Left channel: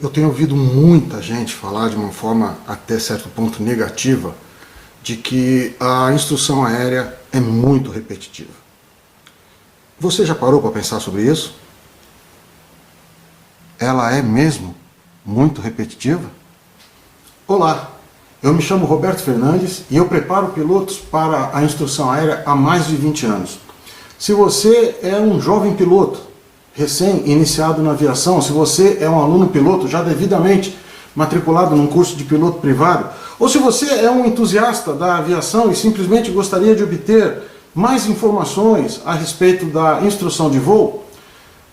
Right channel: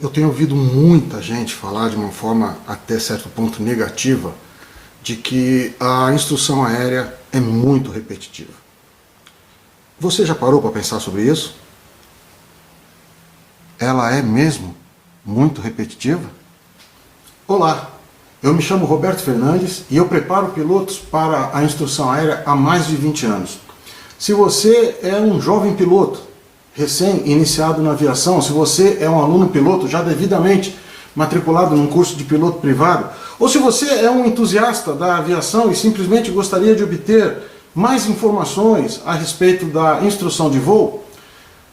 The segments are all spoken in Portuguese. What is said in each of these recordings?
Eu tenho ouvido muita gente falar de uma forma até certo ponto negativa de que a instrução aérea é muito repetitiva. Você já parou para pensar sobre isso? Ela é mesmo muito repetitiva? Olá, eu me chamo Roberto Fernandes e eu preparo pilotos para a instrução aérea há mais de 20 anos. Se você é um jovem piloto, recém-iniciado na aviação, se você é um aluno piloto já devidamente matriculado num curso de piloto privado, ou se você é um entusiasta da aviação e simplesmente gostaria de obter mais informações a respeito da instrução de voo,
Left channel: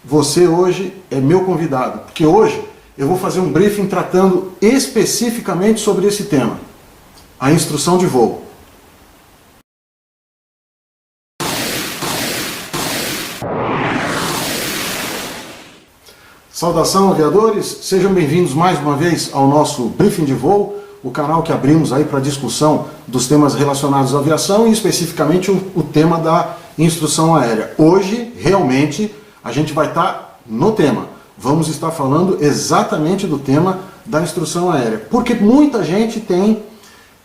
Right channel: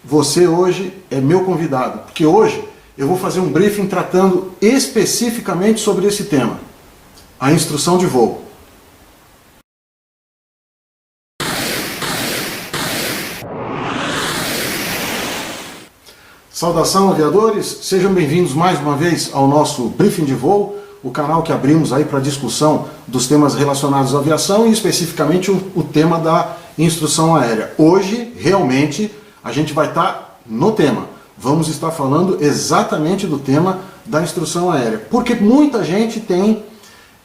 você hoje é meu convidado, porque hoje eu vou fazer um briefing tratando especificamente sobre esse tema, a instrução de voo. Saudação, aviadores! Sejam bem-vindos mais uma vez ao nosso Briefing de Voo, o canal que abrimos aí para discussão dos temas relacionados à aviação e especificamente o tema da instrução aérea. Hoje, realmente, a gente vai estar no tema. Vamos estar falando exatamente do tema da instrução aérea, porque muita gente tem,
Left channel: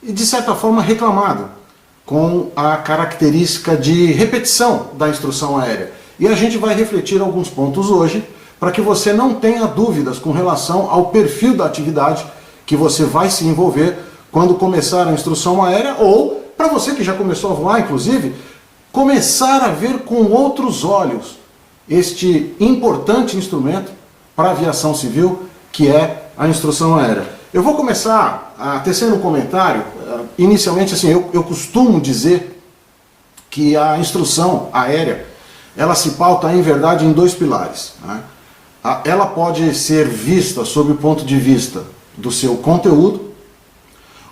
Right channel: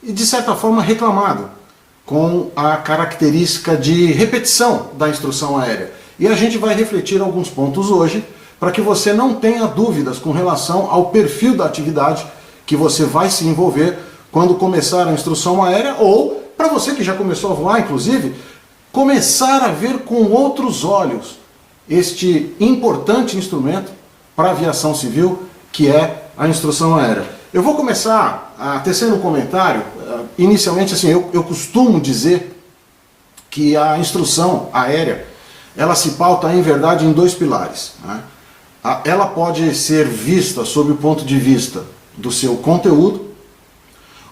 de certa forma, reclamado com a característica de repetição da instrução aérea. E a gente vai refletir alguns pontos hoje, para que você não tenha dúvidas com relação ao perfil da atividade que você vai se envolver quando começar a instrução aérea, ou, para você que já começou a voar, inclusive, começar a ver com outros olhos este importante instrumento para a aviação civil, que é a instrução aérea. Eu vou começar tecendo um comentário. Inicialmente, assim, eu costumo dizer que a instrução aérea ela se pauta, em verdade, em dois pilares, né? Ela pode ser vista sob o ponto de vista do seu conteúdo,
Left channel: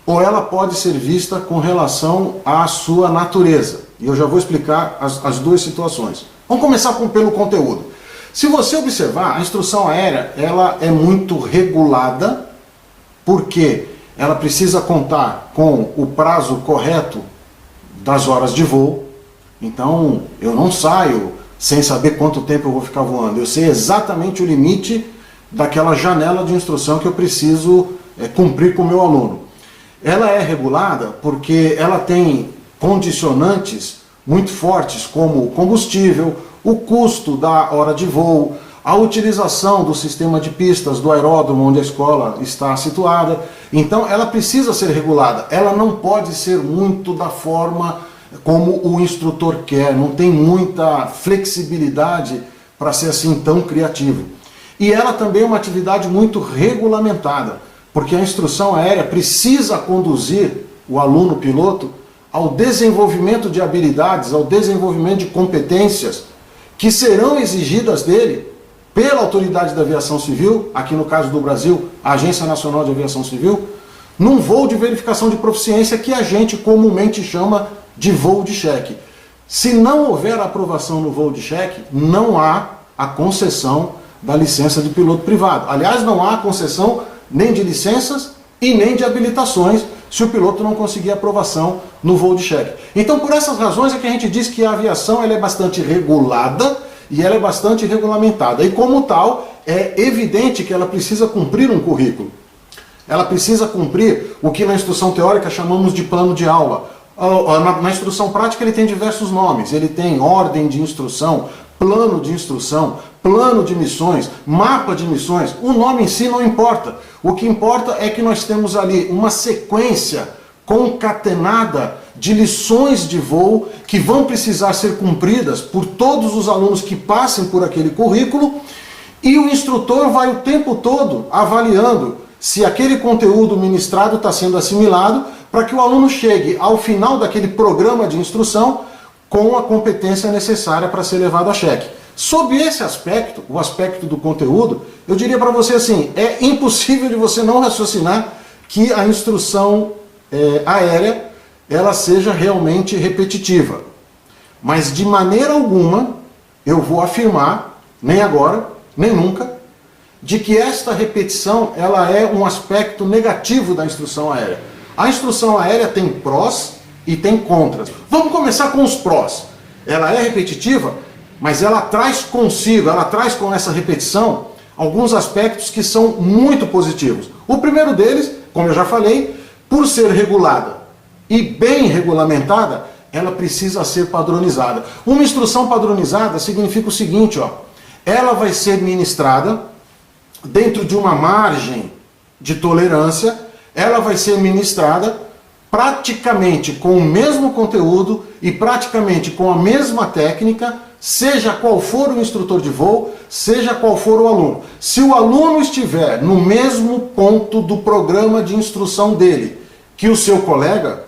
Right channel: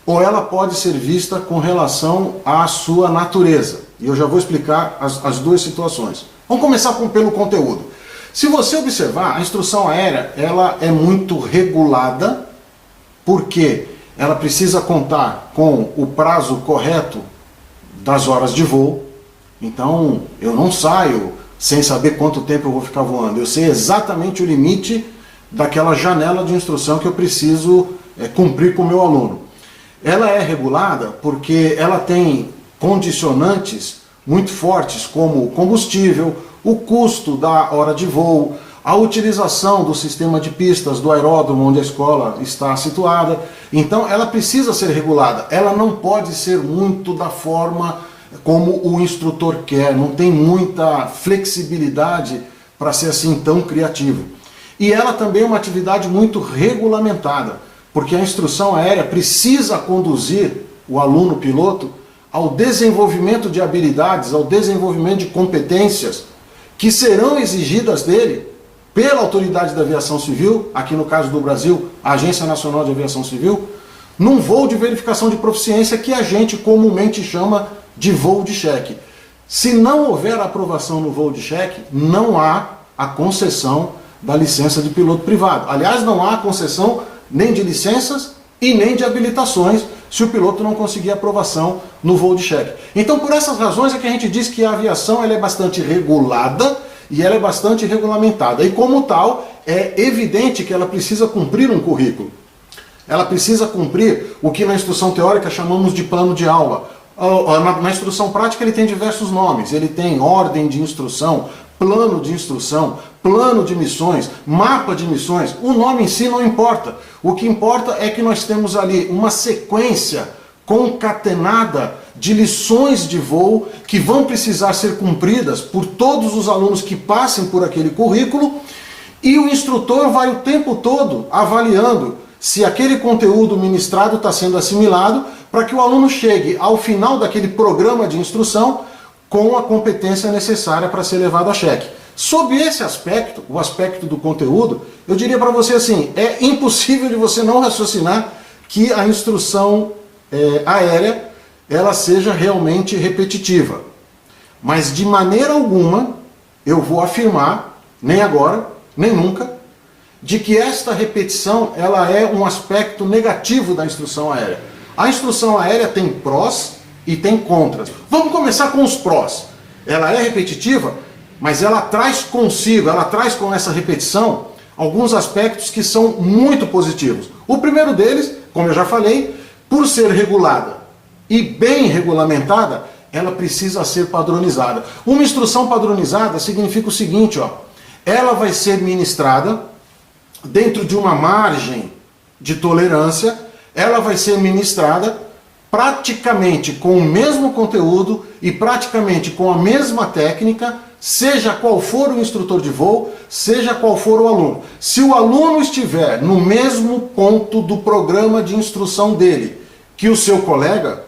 ou ela pode ser vista com relação à sua natureza. E eu já vou explicar as duas situações. Vamos começar pelo conteúdo. Se você observar, a instrução aérea ela é muito regulada, porque ela precisa contar com o prazo correto das horas de voo. Então, eu não saio sem saber quanto tempo eu vou ficar voando. Eu sei exatamente o limite daquela janela de instrução que eu preciso cumprir com o meu aluno. Ela é regulada porque ela tem condicionantes muito fortes, como o combustível, o custo da hora de voo, a utilização do sistema de pistas do aeródromo onde a escola está situada. Então ela precisa ser regulada. Ela não pode ser muito da forma como o instrutor quer, não tem muita flexibilidade para ser assim tão criativo. E ela também é uma atividade muito regulamentada, porque a instrução aérea precisa conduzir o aluno piloto ao desenvolvimento de habilidades, ao desenvolvimento de competências que serão exigidas dele pela Autoridade da Aviação Civil, aqui no caso do Brasil, a Agência Nacional de Aviação Civil, num voo de verificação de proficiência que a gente comumente chama de voo de cheque. Se não houver aprovação no voo de cheque, não há a concessão da licença de piloto privado. Aliás, não há concessão nem de licenças e nem de habilitações se o piloto não conseguir aprovação no voo de cheque. Então, por essas razões é que a gente diz que a aviação ela é bastante regulada e ela é bastante regulamentada. E como tal, é evidente que ela precisa cumprir um currículo. Ela precisa cumprir o que na instrução teórica chamamos de plano de aula. Na instrução prática ele tem diversos nomes, ele tem ordem de instrução, plano de missões, mapa de missões. O nome em si não importa. O que importa é que nós temos ali uma sequência concatenada de lições de voo que vão precisar ser cumpridas por todos os alunos que passem por aquele currículo, e o instrutor vai o tempo todo avaliando se aquele conteúdo ministrado está sendo assimilado, para que o aluno chegue ao final daquele programa de instrução com a competência necessária para ser levado a cheque. Sob esse aspecto, o aspecto do conteúdo, eu diria para você assim, é impossível de você não raciocinar que a instrução aérea ela seja realmente repetitiva. Mas de maneira alguma eu vou afirmar, nem agora, nem nunca, de que esta repetição ela é um aspecto negativo da instrução aérea. A instrução aérea tem prós e tem contras. Vamos começar com os prós. Ela é repetitiva, mas ela traz consigo, ela traz com essa repetição alguns aspectos que são muito positivos. O primeiro deles, como eu já falei, por ser regulada e bem regulamentada, ela precisa ser padronizada. Uma instrução padronizada significa o seguinte, ó, ela vai ser ministrada dentro de uma margem de tolerância, ela vai ser ministrada praticamente com o mesmo conteúdo e praticamente com a mesma técnica, seja qual for o instrutor de voo, seja qual for o aluno. Se o aluno estiver no mesmo ponto do programa de instrução dele que o seu colega,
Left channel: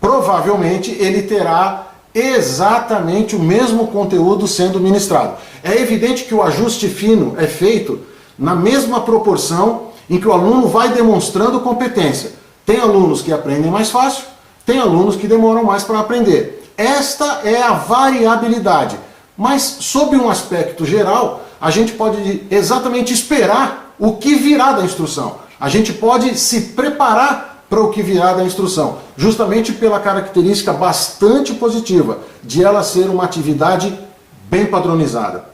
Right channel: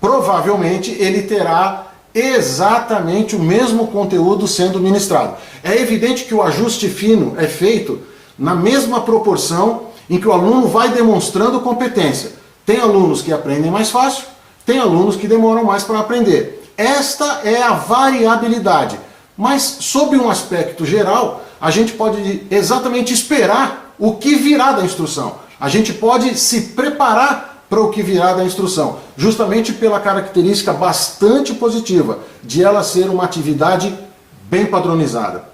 provavelmente ele terá exatamente o mesmo conteúdo sendo ministrado. É evidente que o ajuste fino é feito na mesma proporção em que o aluno vai demonstrando competência. Tem alunos que aprendem mais fácil, tem alunos que demoram mais para aprender. Esta é a variabilidade. Mas, sob um aspecto geral, a gente pode exatamente esperar o que virá da instrução. A gente pode se preparar para o que virá da instrução, justamente pela característica bastante positiva de ela ser uma atividade bem padronizada.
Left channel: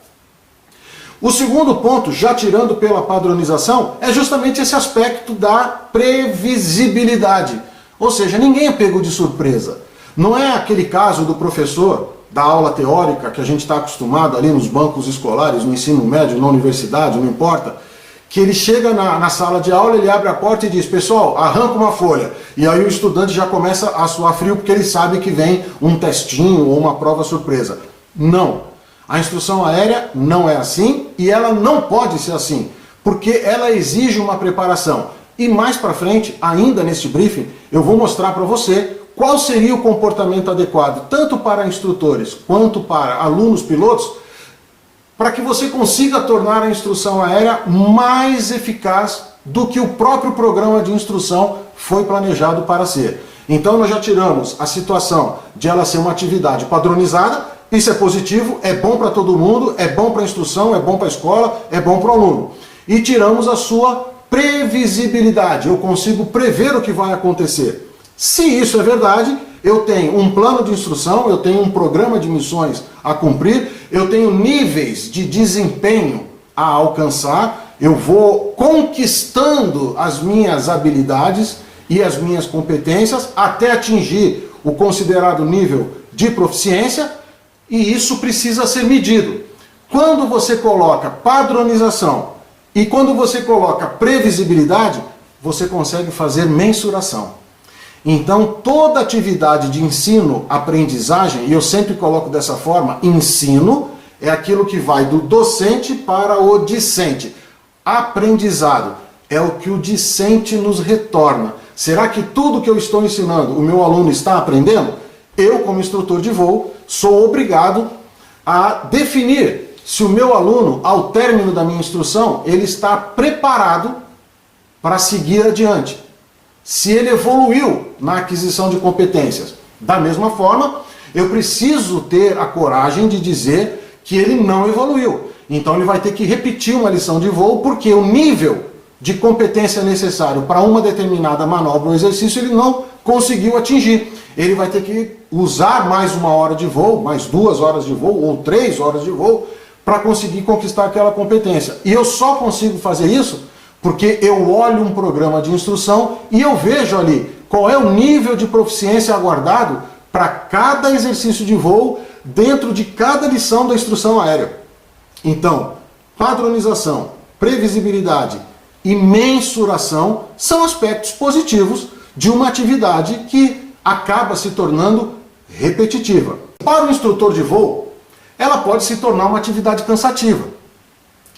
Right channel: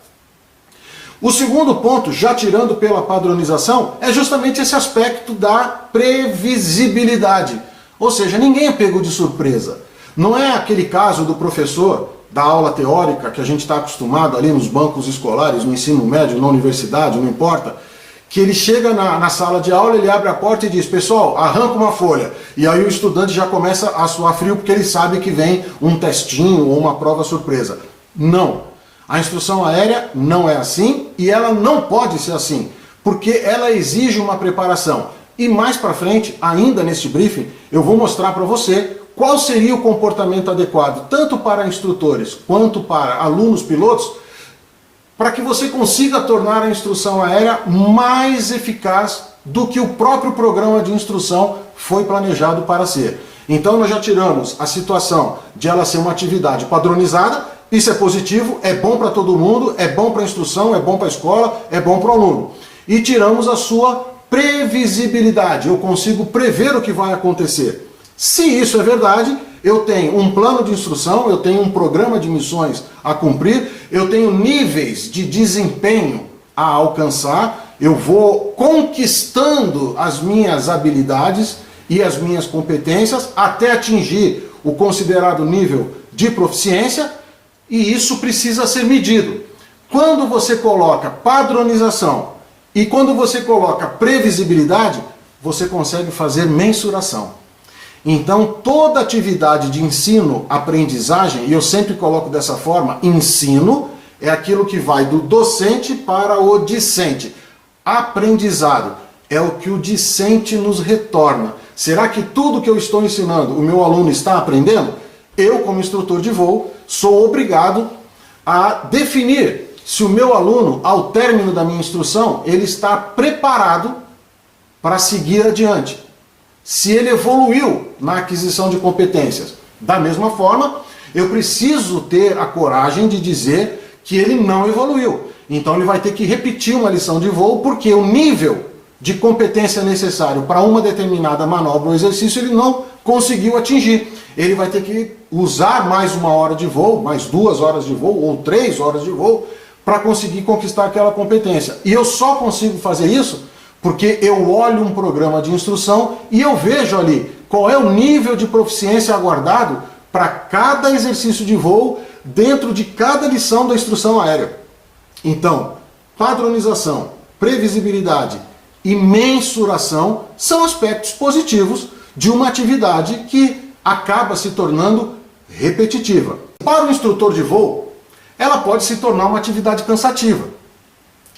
O segundo ponto, já tirando pela padronização, é justamente esse aspecto da previsibilidade. Ou seja, ninguém é pego de surpresa. Não é aquele caso do professor da aula teórica que a gente está acostumado ali nos bancos escolares, no ensino médio, na universidade, não importa, que ele chega na sala de aula, ele abre a porta e diz, pessoal, arranca uma folha. E aí o estudante já começa a suar frio porque ele sabe que vem um testinho ou uma prova surpresa. Não. A instrução aérea não é assim e ela não pode ser assim, porque ela exige uma preparação. E mais para frente, ainda neste briefing, eu vou mostrar para você qual seria o comportamento adequado, tanto para instrutores quanto para alunos pilotos, para que você consiga tornar a instrução aérea mais eficaz do que o próprio programa de instrução foi planejado para ser. Então nós já tiramos a situação de ela ser uma atividade padronizada. Isso é positivo, é bom para todo mundo, é bom para a instrução, é bom para a escola, é bom para o aluno. E tiramos a sua previsibilidade, eu consigo prever o que vai acontecer. Se isso é verdade, eu tenho um plano de instrução, eu tenho um programa de missões a cumprir, eu tenho níveis de desempenho a alcançar, eu vou conquistando as minhas habilidades e as minhas competências até atingir o considerado nível de proficiência. E isso precisa ser medido. Quando você coloca padronização e quando você coloca previsibilidade, você consegue fazer mensuração. Então, toda atividade de ensino, aprendizagem, e eu sempre coloco dessa forma, ensino é aquilo que vai do docente para o discente. Aprendizado é o que o discente nos retorna. Será que tudo que eu estou ensinando, o meu aluno está aprendendo? Eu, como instrutor de voo, sou obrigado a definir se o meu aluno, ao término da minha instrução, ele está preparado para seguir adiante. Se ele evoluiu na aquisição de competências. Da mesma forma, eu preciso ter a coragem de dizer que ele não evoluiu. Então ele vai ter que repetir uma lição de voo, porque o nível de competência necessário para uma determinada manobra ou exercício ele não conseguiu atingir. Ele vai ter que usar mais uma hora de voo, mais 2 horas de voo ou 3 horas de voo para conseguir conquistar aquela competência. E eu só consigo fazer isso porque eu olho um programa de instrução e eu vejo ali qual é o nível de proficiência aguardado para cada exercício de voo dentro de cada lição da instrução aérea. Então, padronização, previsibilidade e mensuração são aspectos positivos de uma atividade que acaba se tornando repetitiva. Para o instrutor de voo, ela pode se tornar uma atividade cansativa.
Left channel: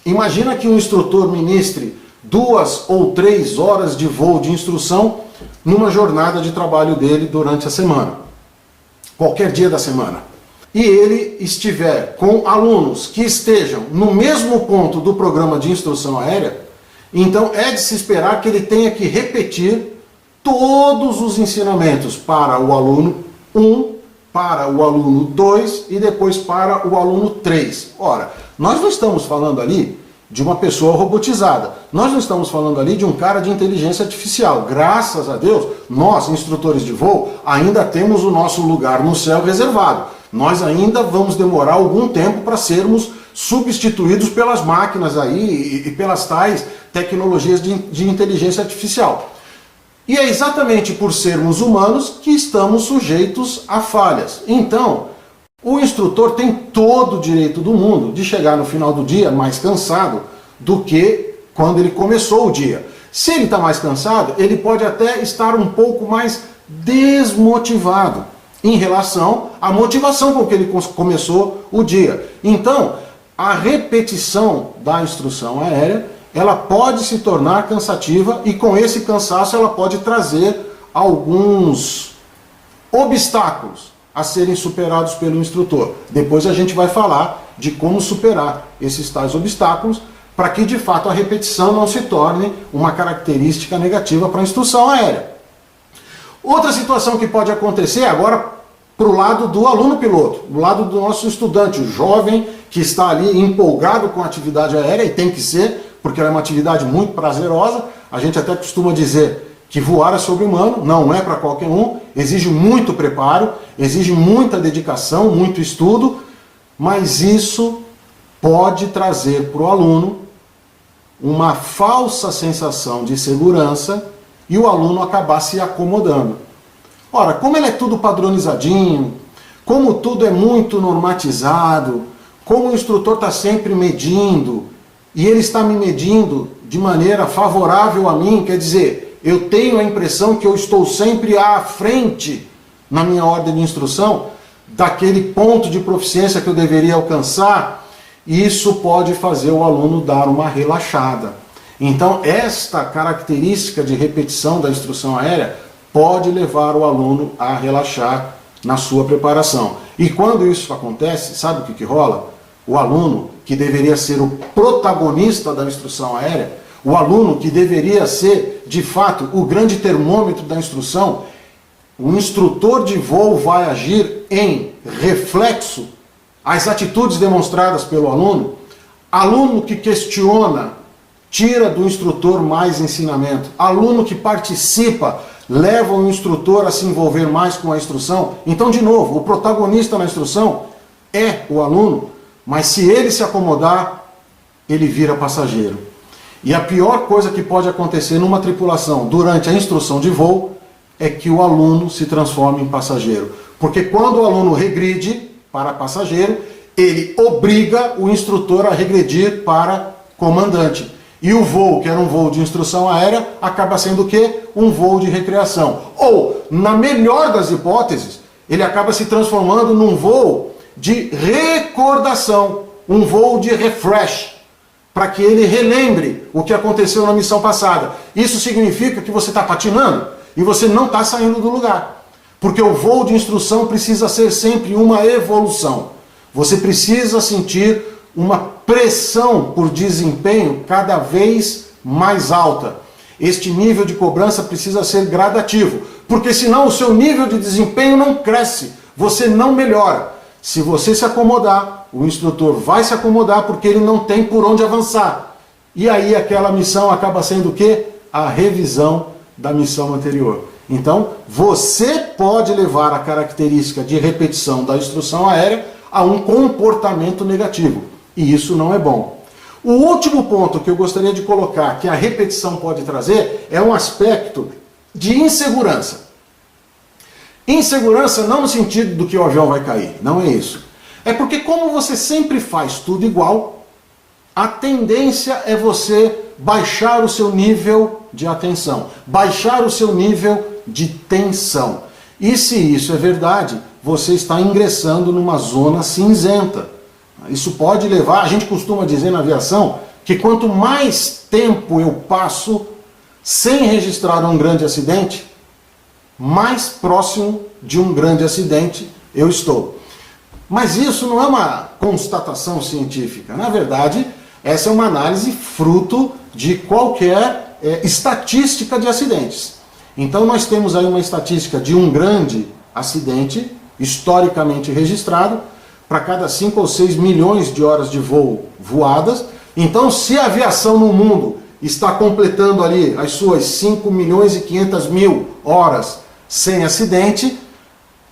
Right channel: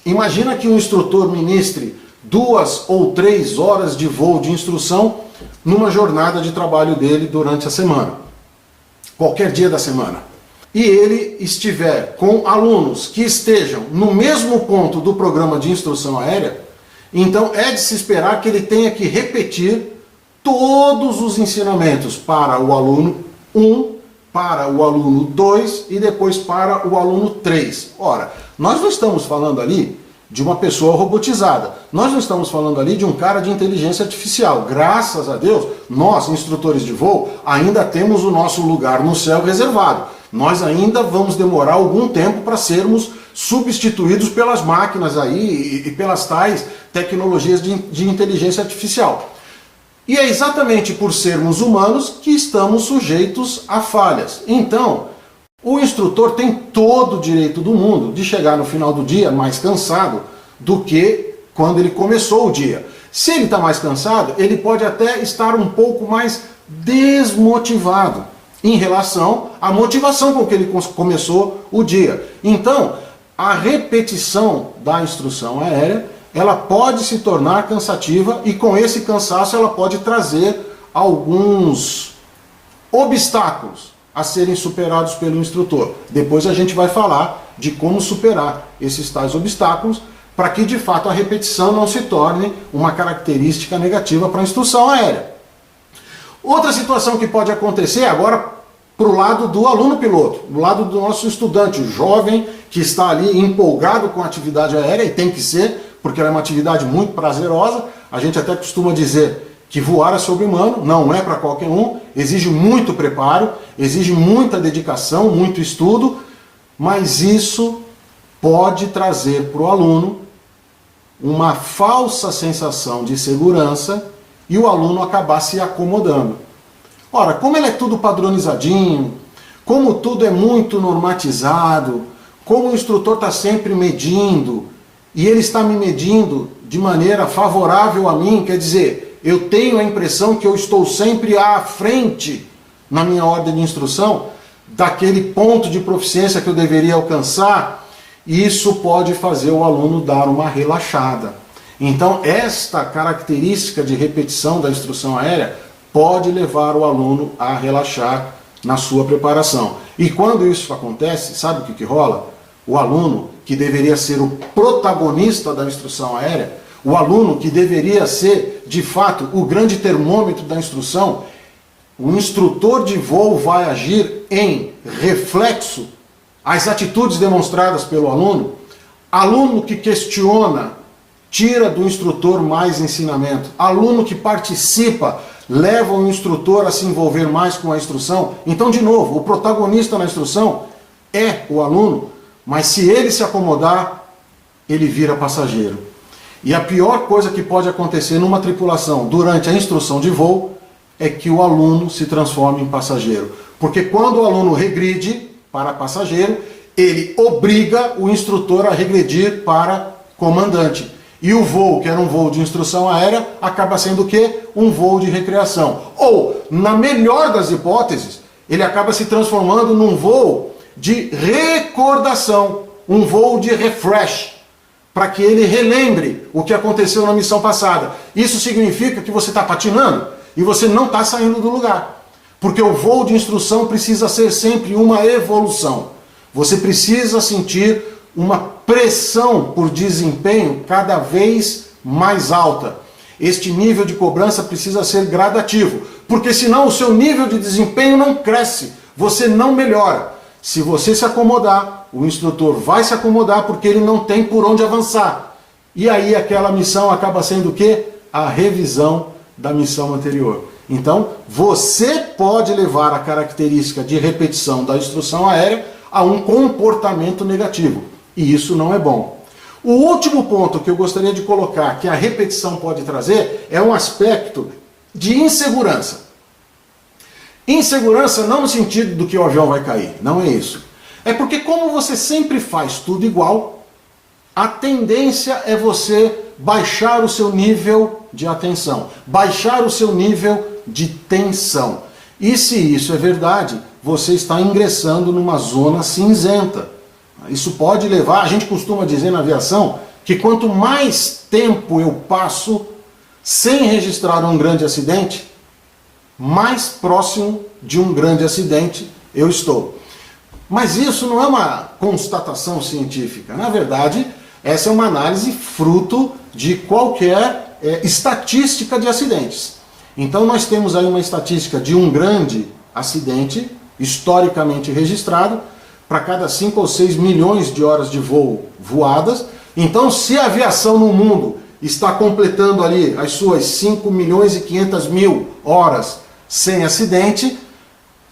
Imagina que um instrutor ministre 2 ou 3 horas de voo de instrução numa jornada de trabalho dele durante a semana, qualquer dia da semana. E ele estiver com alunos que estejam no mesmo ponto do programa de instrução aérea, então é de se esperar que ele tenha que repetir todos os ensinamentos para o aluno 1, para o aluno 2 e depois para o aluno 3. Ora, nós não estamos falando ali de uma pessoa robotizada. Nós não estamos falando ali de um cara de inteligência artificial. Graças a Deus, nós, instrutores de voo, ainda temos o nosso lugar no céu reservado. Nós ainda vamos demorar algum tempo para sermos substituídos pelas máquinas aí e pelas tais tecnologias de inteligência artificial. E é exatamente por sermos humanos que estamos sujeitos a falhas. Então, o instrutor tem todo o direito do mundo de chegar no final do dia mais cansado do que quando ele começou o dia. Se ele está mais cansado, ele pode até estar um pouco mais desmotivado em relação à motivação com que ele começou o dia. Então, a repetição da instrução aérea, ela pode se tornar cansativa e com esse cansaço ela pode trazer alguns obstáculos a serem superados pelo instrutor. Depois a gente vai falar de como superar esses tais obstáculos para que de fato a repetição não se torne uma característica negativa para a instrução aérea. Outra situação que pode acontecer agora para o lado do aluno piloto, do lado do nosso estudante, o jovem que está ali empolgado com a atividade aérea, e tem que ser, porque ela é uma atividade muito prazerosa. A gente até costuma dizer que voar é sobre-humano, não é para qualquer um, exige muito preparo, exige muita dedicação, muito estudo, mas isso pode trazer para o aluno uma falsa sensação de segurança e o aluno acabar se acomodando. Ora, como ele é tudo padronizadinho, como tudo é muito normatizado, como o instrutor está sempre medindo, e ele está me medindo de maneira favorável a mim, quer dizer, eu tenho a impressão que eu estou sempre à frente na minha ordem de instrução, daquele ponto de proficiência que eu deveria alcançar, isso pode fazer o aluno dar uma relaxada. Então, esta característica de repetição da instrução aérea pode levar o aluno a relaxar na sua preparação. E quando isso acontece, sabe o que rola? O aluno, que deveria ser o protagonista da instrução aérea, o aluno que deveria ser, de fato, o grande termômetro da instrução, o instrutor de voo vai agir em reflexo às atitudes demonstradas pelo aluno. Aluno que questiona, tira do instrutor mais ensinamento. Aluno que participa, leva o instrutor a se envolver mais com a instrução. Então, de novo, o protagonista na instrução é o aluno, mas se ele se acomodar, ele vira passageiro. E a pior coisa que pode acontecer numa tripulação durante a instrução de voo é que o aluno se transforme em passageiro. Porque quando o aluno regride para passageiro, ele obriga o instrutor a regredir para comandante. E o voo, que era um voo de instrução aérea, acaba sendo o quê? Um voo de recreação. Ou, na melhor das hipóteses, ele acaba se transformando num voo de recordação, um voo de refresh, para que ele relembre o que aconteceu na missão passada. Isso significa que você está patinando e você não está saindo do lugar. Porque o voo de instrução precisa ser sempre uma evolução. Você precisa sentir uma pressão por desempenho cada vez mais alta. Este nível de cobrança precisa ser gradativo, porque senão o seu nível de desempenho não cresce, você não melhora. Se você se acomodar, o instrutor vai se acomodar porque ele não tem por onde avançar. E aí aquela missão acaba sendo o quê? A revisão da missão anterior. Então, você pode levar a característica de repetição da instrução aérea a um comportamento negativo. E isso não é bom. O último ponto que eu gostaria de colocar, que a repetição pode trazer, é um aspecto de insegurança. Insegurança não no sentido do que o avião vai cair, não é isso. É porque como você sempre faz tudo igual, a tendência é você baixar o seu nível de atenção, baixar o seu nível de tensão. E se isso é verdade, você está ingressando numa zona cinzenta. Isso pode levar, a gente costuma dizer na aviação, que quanto mais tempo eu passo sem registrar um grande acidente, mais próximo de um grande acidente eu estou. Mas isso não é uma constatação científica. Na verdade, essa é uma análise fruto de qualquer estatística de acidentes. Então nós temos aí uma estatística de um grande acidente, historicamente registrado, para cada 5 ou 6 milhões de horas de voo voadas. Então, se a aviação no mundo está completando ali as suas 5 milhões e 500 mil horas sem acidente,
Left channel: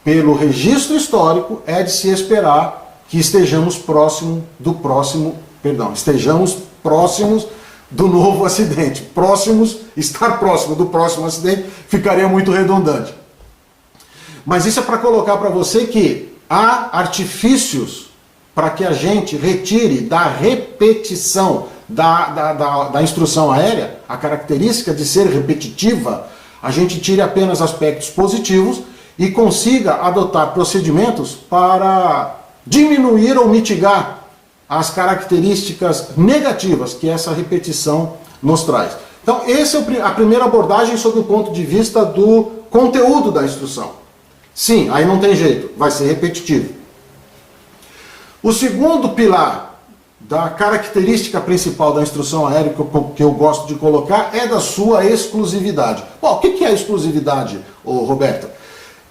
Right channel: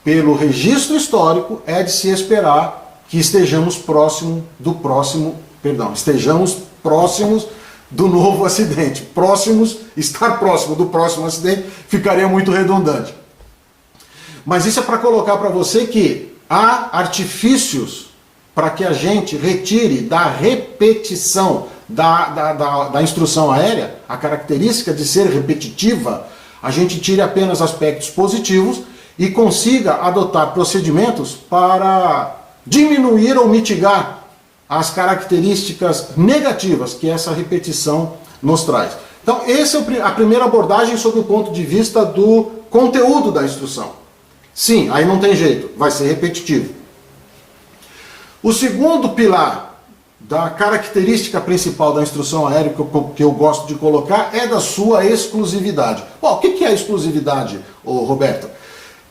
pelo registro histórico, é de se esperar que estejamos próximos do novo acidente. Estar próximo do próximo acidente ficaria muito redundante. Mas isso é para colocar para você que há artifícios para que a gente retire da repetição da instrução aérea, a característica de ser repetitiva, a gente tire apenas aspectos positivos e consiga adotar procedimentos para diminuir ou mitigar as características negativas que essa repetição nos traz. Então, essa é a primeira abordagem sob o ponto de vista do conteúdo da instrução. Sim, aí não tem jeito, vai ser repetitivo. O segundo pilar da característica principal da instrução aérea que eu gosto de colocar é da sua exclusividade. Bom, o que é a exclusividade, Roberto?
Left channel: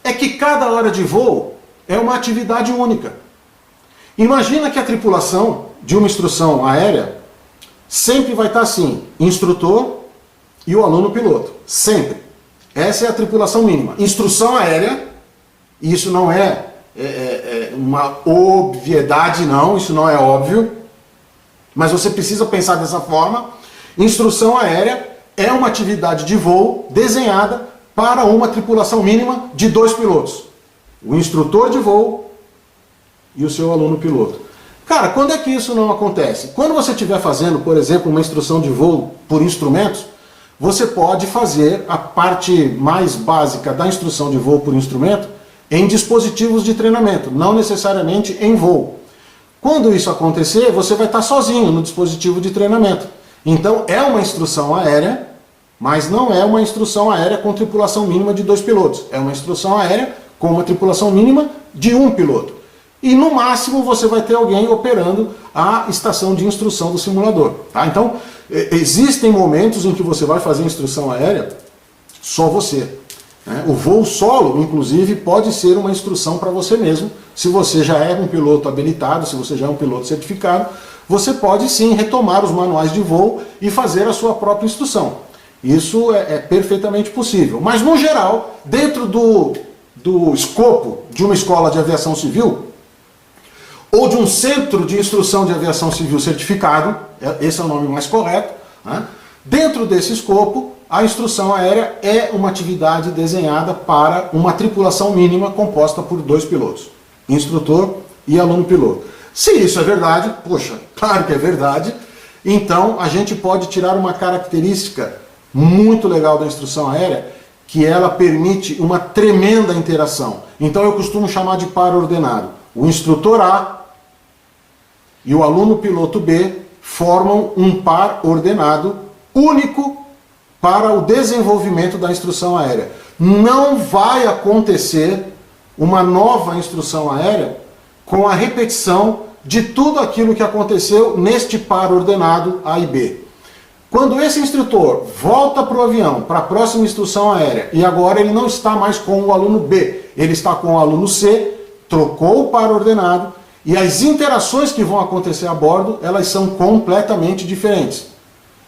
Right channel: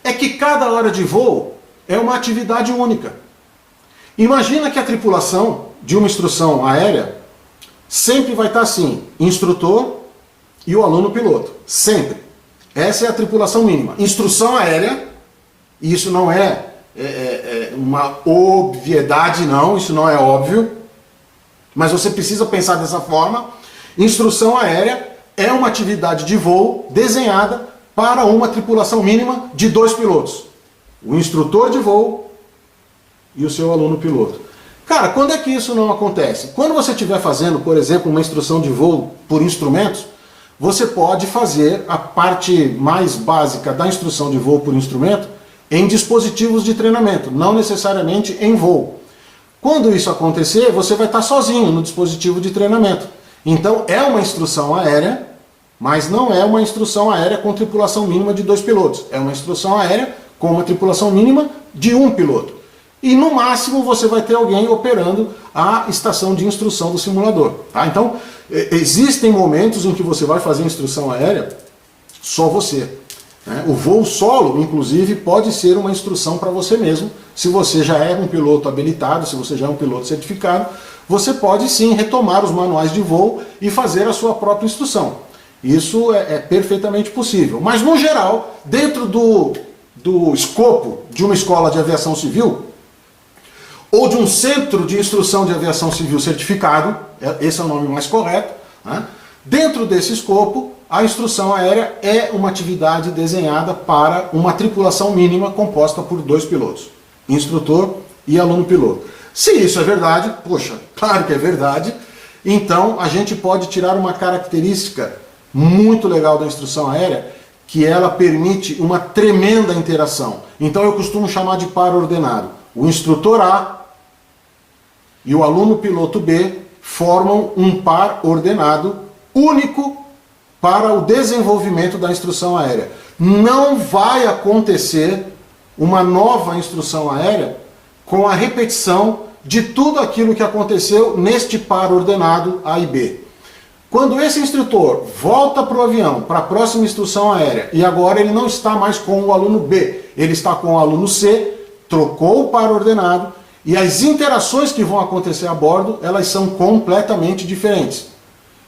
É que cada hora de voo é uma atividade única. Imagina que a tripulação de uma instrução aérea sempre vai estar assim, instrutor e o aluno piloto. Sempre. Essa é a tripulação mínima. Instrução aérea, e isso não é uma obviedade, não, isso não é óbvio, mas você precisa pensar dessa forma. Instrução aérea é uma atividade de voo desenhada para uma tripulação mínima de 2 pilotos. O instrutor de voo e o seu aluno piloto. Cara, quando é que isso não acontece? Quando você estiver fazendo, por exemplo, uma instrução de voo por instrumentos, você pode fazer a parte mais básica da instrução de voo por instrumento em dispositivos de treinamento, não necessariamente em voo. Quando isso acontecer, você vai estar sozinho no dispositivo de treinamento. Então é uma instrução aérea, mas não é uma instrução aérea com tripulação mínima de 2 pilotos. É uma instrução aérea com uma tripulação mínima de 1 piloto. E no máximo você vai ter alguém operando a estação de instrução do simulador. Tá? Então, existem momentos em que você vai fazer instrução aérea só você. Né? O voo solo, inclusive, pode ser uma instrução para você mesmo. Se você já é um piloto habilitado, se você já é um piloto certificado, você pode sim retomar os manuais de voo e fazer a sua própria instrução. Isso é perfeitamente possível. Mas, no geral, dentro do escopo de uma escola de aviação civil, ou de um centro de instrução de aviação civil certificado, esse é o nome mais correto, né? Dentro desse escopo, a instrução aérea é uma atividade desenhada para uma tripulação mínima composta por 2 pilotos, instrutor e aluno piloto. Se isso é verdade, poxa, claro que é verdade, então a gente pode tirar uma característica muito legal da instrução aérea, que ela permite uma tremenda interação. Então eu costumo chamar de par ordenado. O instrutor A e o aluno piloto B formam um par ordenado único para o desenvolvimento da instrução aérea. Não vai acontecer uma nova instrução aérea com a repetição de tudo aquilo que aconteceu neste par ordenado A e B. Quando esse instrutor volta para o avião, para a próxima instrução aérea, e agora ele não está mais com o aluno B, ele está com o aluno C, trocou o par ordenado, e as interações que vão acontecer a bordo, elas são completamente diferentes.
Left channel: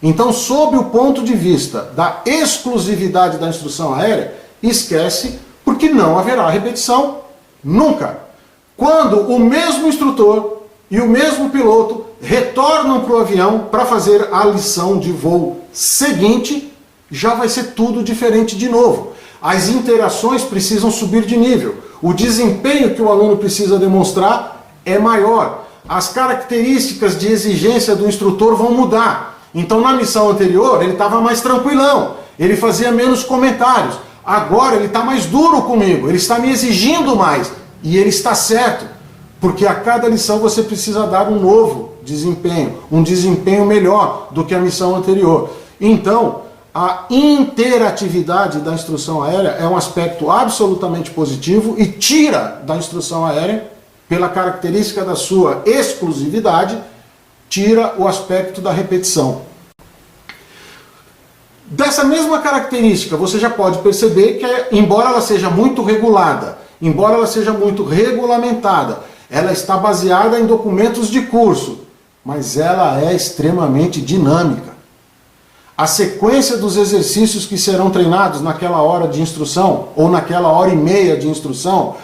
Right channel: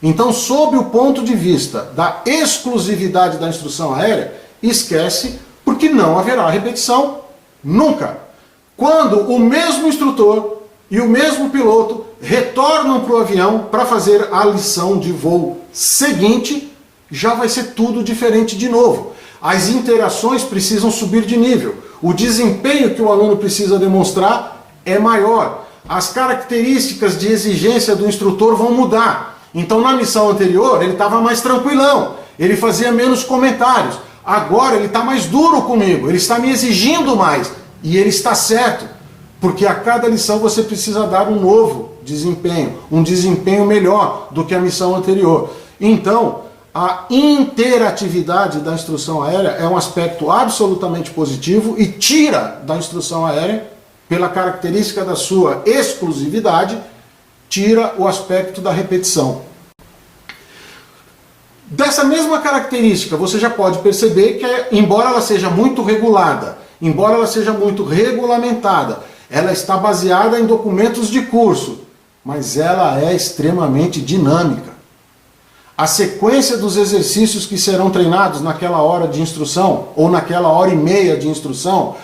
Então, sob o ponto de vista da exclusividade da instrução aérea, esquece, porque não haverá repetição nunca. Quando o mesmo instrutor e o mesmo piloto retornam para o avião para fazer a lição de voo seguinte, já vai ser tudo diferente de novo. As interações precisam subir de nível. O desempenho que o aluno precisa demonstrar é maior. As características de exigência do instrutor vão mudar. Então, na missão anterior, ele estava mais tranquilão, ele fazia menos comentários. Agora ele está mais duro comigo, ele está me exigindo mais. E ele está certo, porque a cada lição você precisa dar um novo desempenho, um desempenho melhor do que a missão anterior. Então, a interatividade da instrução aérea é um aspecto absolutamente positivo e tira da instrução aérea, pela característica da sua exclusividade, tira o aspecto da repetição. Dessa mesma característica, você já pode perceber que, embora ela seja muito regulada, embora ela seja muito regulamentada, ela está baseada em documentos de curso, mas ela é extremamente dinâmica. A sequência dos exercícios que serão treinados naquela hora de instrução, ou naquela hora e meia de instrução,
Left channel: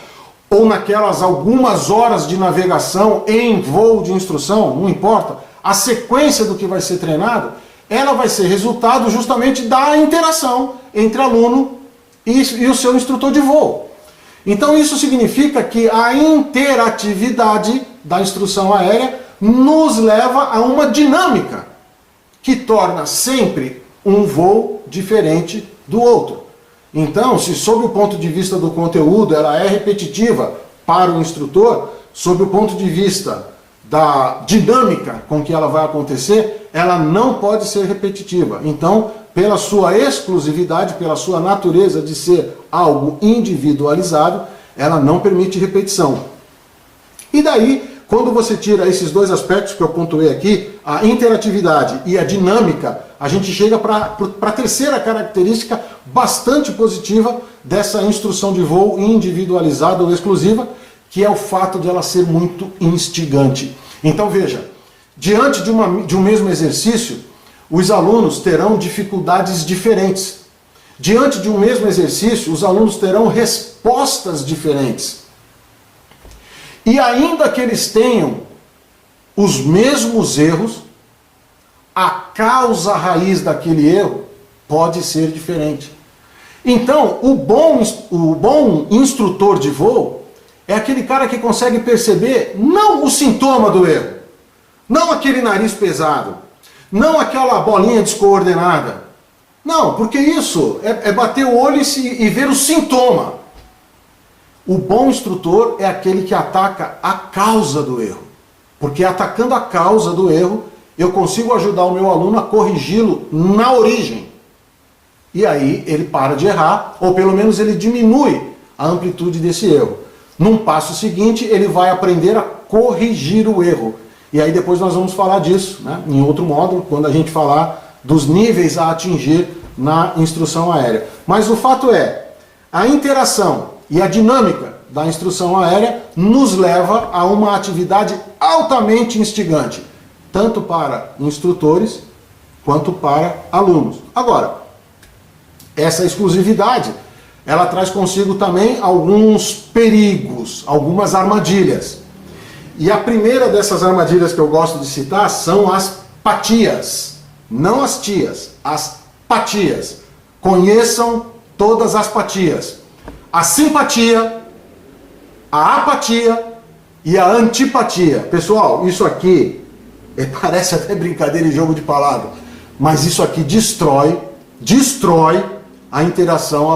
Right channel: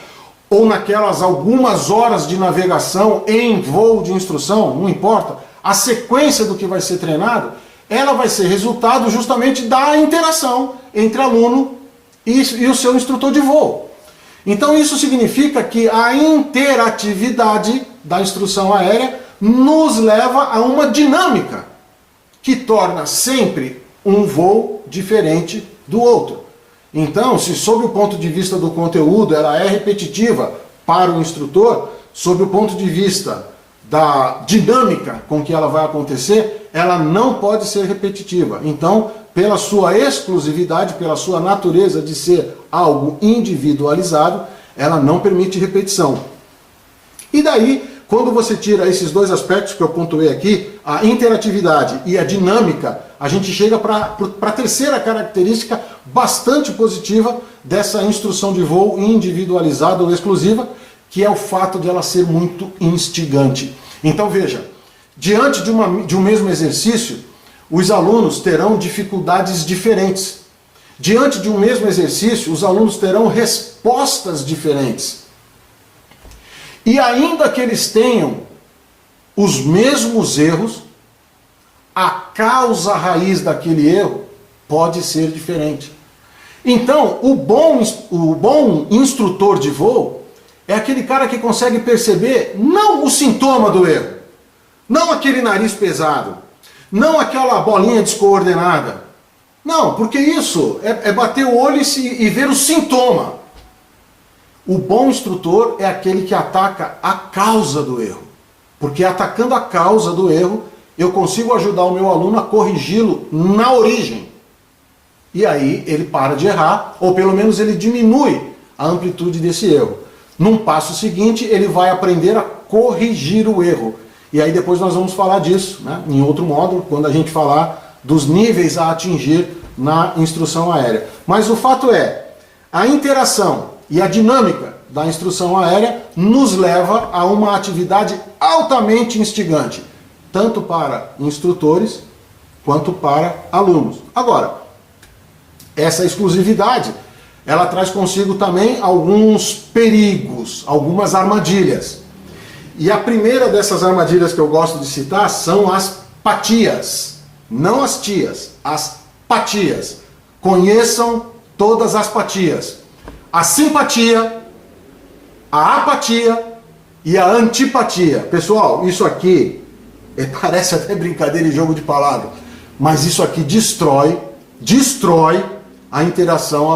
ou naquelas algumas horas de navegação em voo de instrução, não importa, a sequência do que vai ser treinado, ela vai ser resultado justamente da interação entre aluno e o seu instrutor de voo. Então isso significa que a interatividade da instrução aérea nos leva a uma dinâmica que torna sempre um voo diferente do outro. Então, se sob o ponto de vista do conteúdo ela é repetitiva para o instrutor, sob o ponto de vista da dinâmica com que ela vai acontecer, ela não pode ser repetitiva. Então, pela sua exclusividade, pela sua natureza de ser algo individualizado, ela não permite repetição. E daí, quando você tira esses dois aspectos que eu pontuei aqui, a interatividade e a dinâmica, a gente chega para a terceira característica bastante positiva dessa instrução de voo individualizada ou exclusiva, que é o fato de ela ser muito instigante. Então veja, diante de um mesmo exercício, os alunos terão dificuldades diferentes. Diante de um mesmo exercício, os alunos terão respostas diferentes. E ainda que eles tenham os mesmos erros, a causa raiz daquele erro pode ser diferente. Então, o bom instrutor de voo é aquele cara que consegue perceber não o sintoma do erro, não aquele nariz pesado, não aquela bolinha descoordenada. Não, porque isso é bater o olho e ver o sintoma. O bom instrutor é aquele que ataca a causa do erro. Porque atacando a causa do erro, eu consigo ajudar o meu aluno a corrigi-lo na origem. E aí ele para de errar, ou pelo menos ele diminui a amplitude desse erro. Num passo seguinte, ele vai aprender a corrigir o erro. E aí depois nós vamos falar disso, né, em outro módulo, quando a gente falar dos níveis a atingir na instrução aérea. Mas o fato é, a interação e a dinâmica da instrução aérea nos leva a uma atividade altamente instigante, tanto para instrutores quanto para alunos. Agora, essa exclusividade, ela traz consigo também alguns perigos, algumas armadilhas. E a primeira dessas armadilhas que eu gosto de citar são as patias. Não as tias, as patias. Conheçam todas as patias. A simpatia, a apatia e a antipatia. Pessoal, isso aqui parece até brincadeira e jogo de palavras, mas isso aqui destrói a interação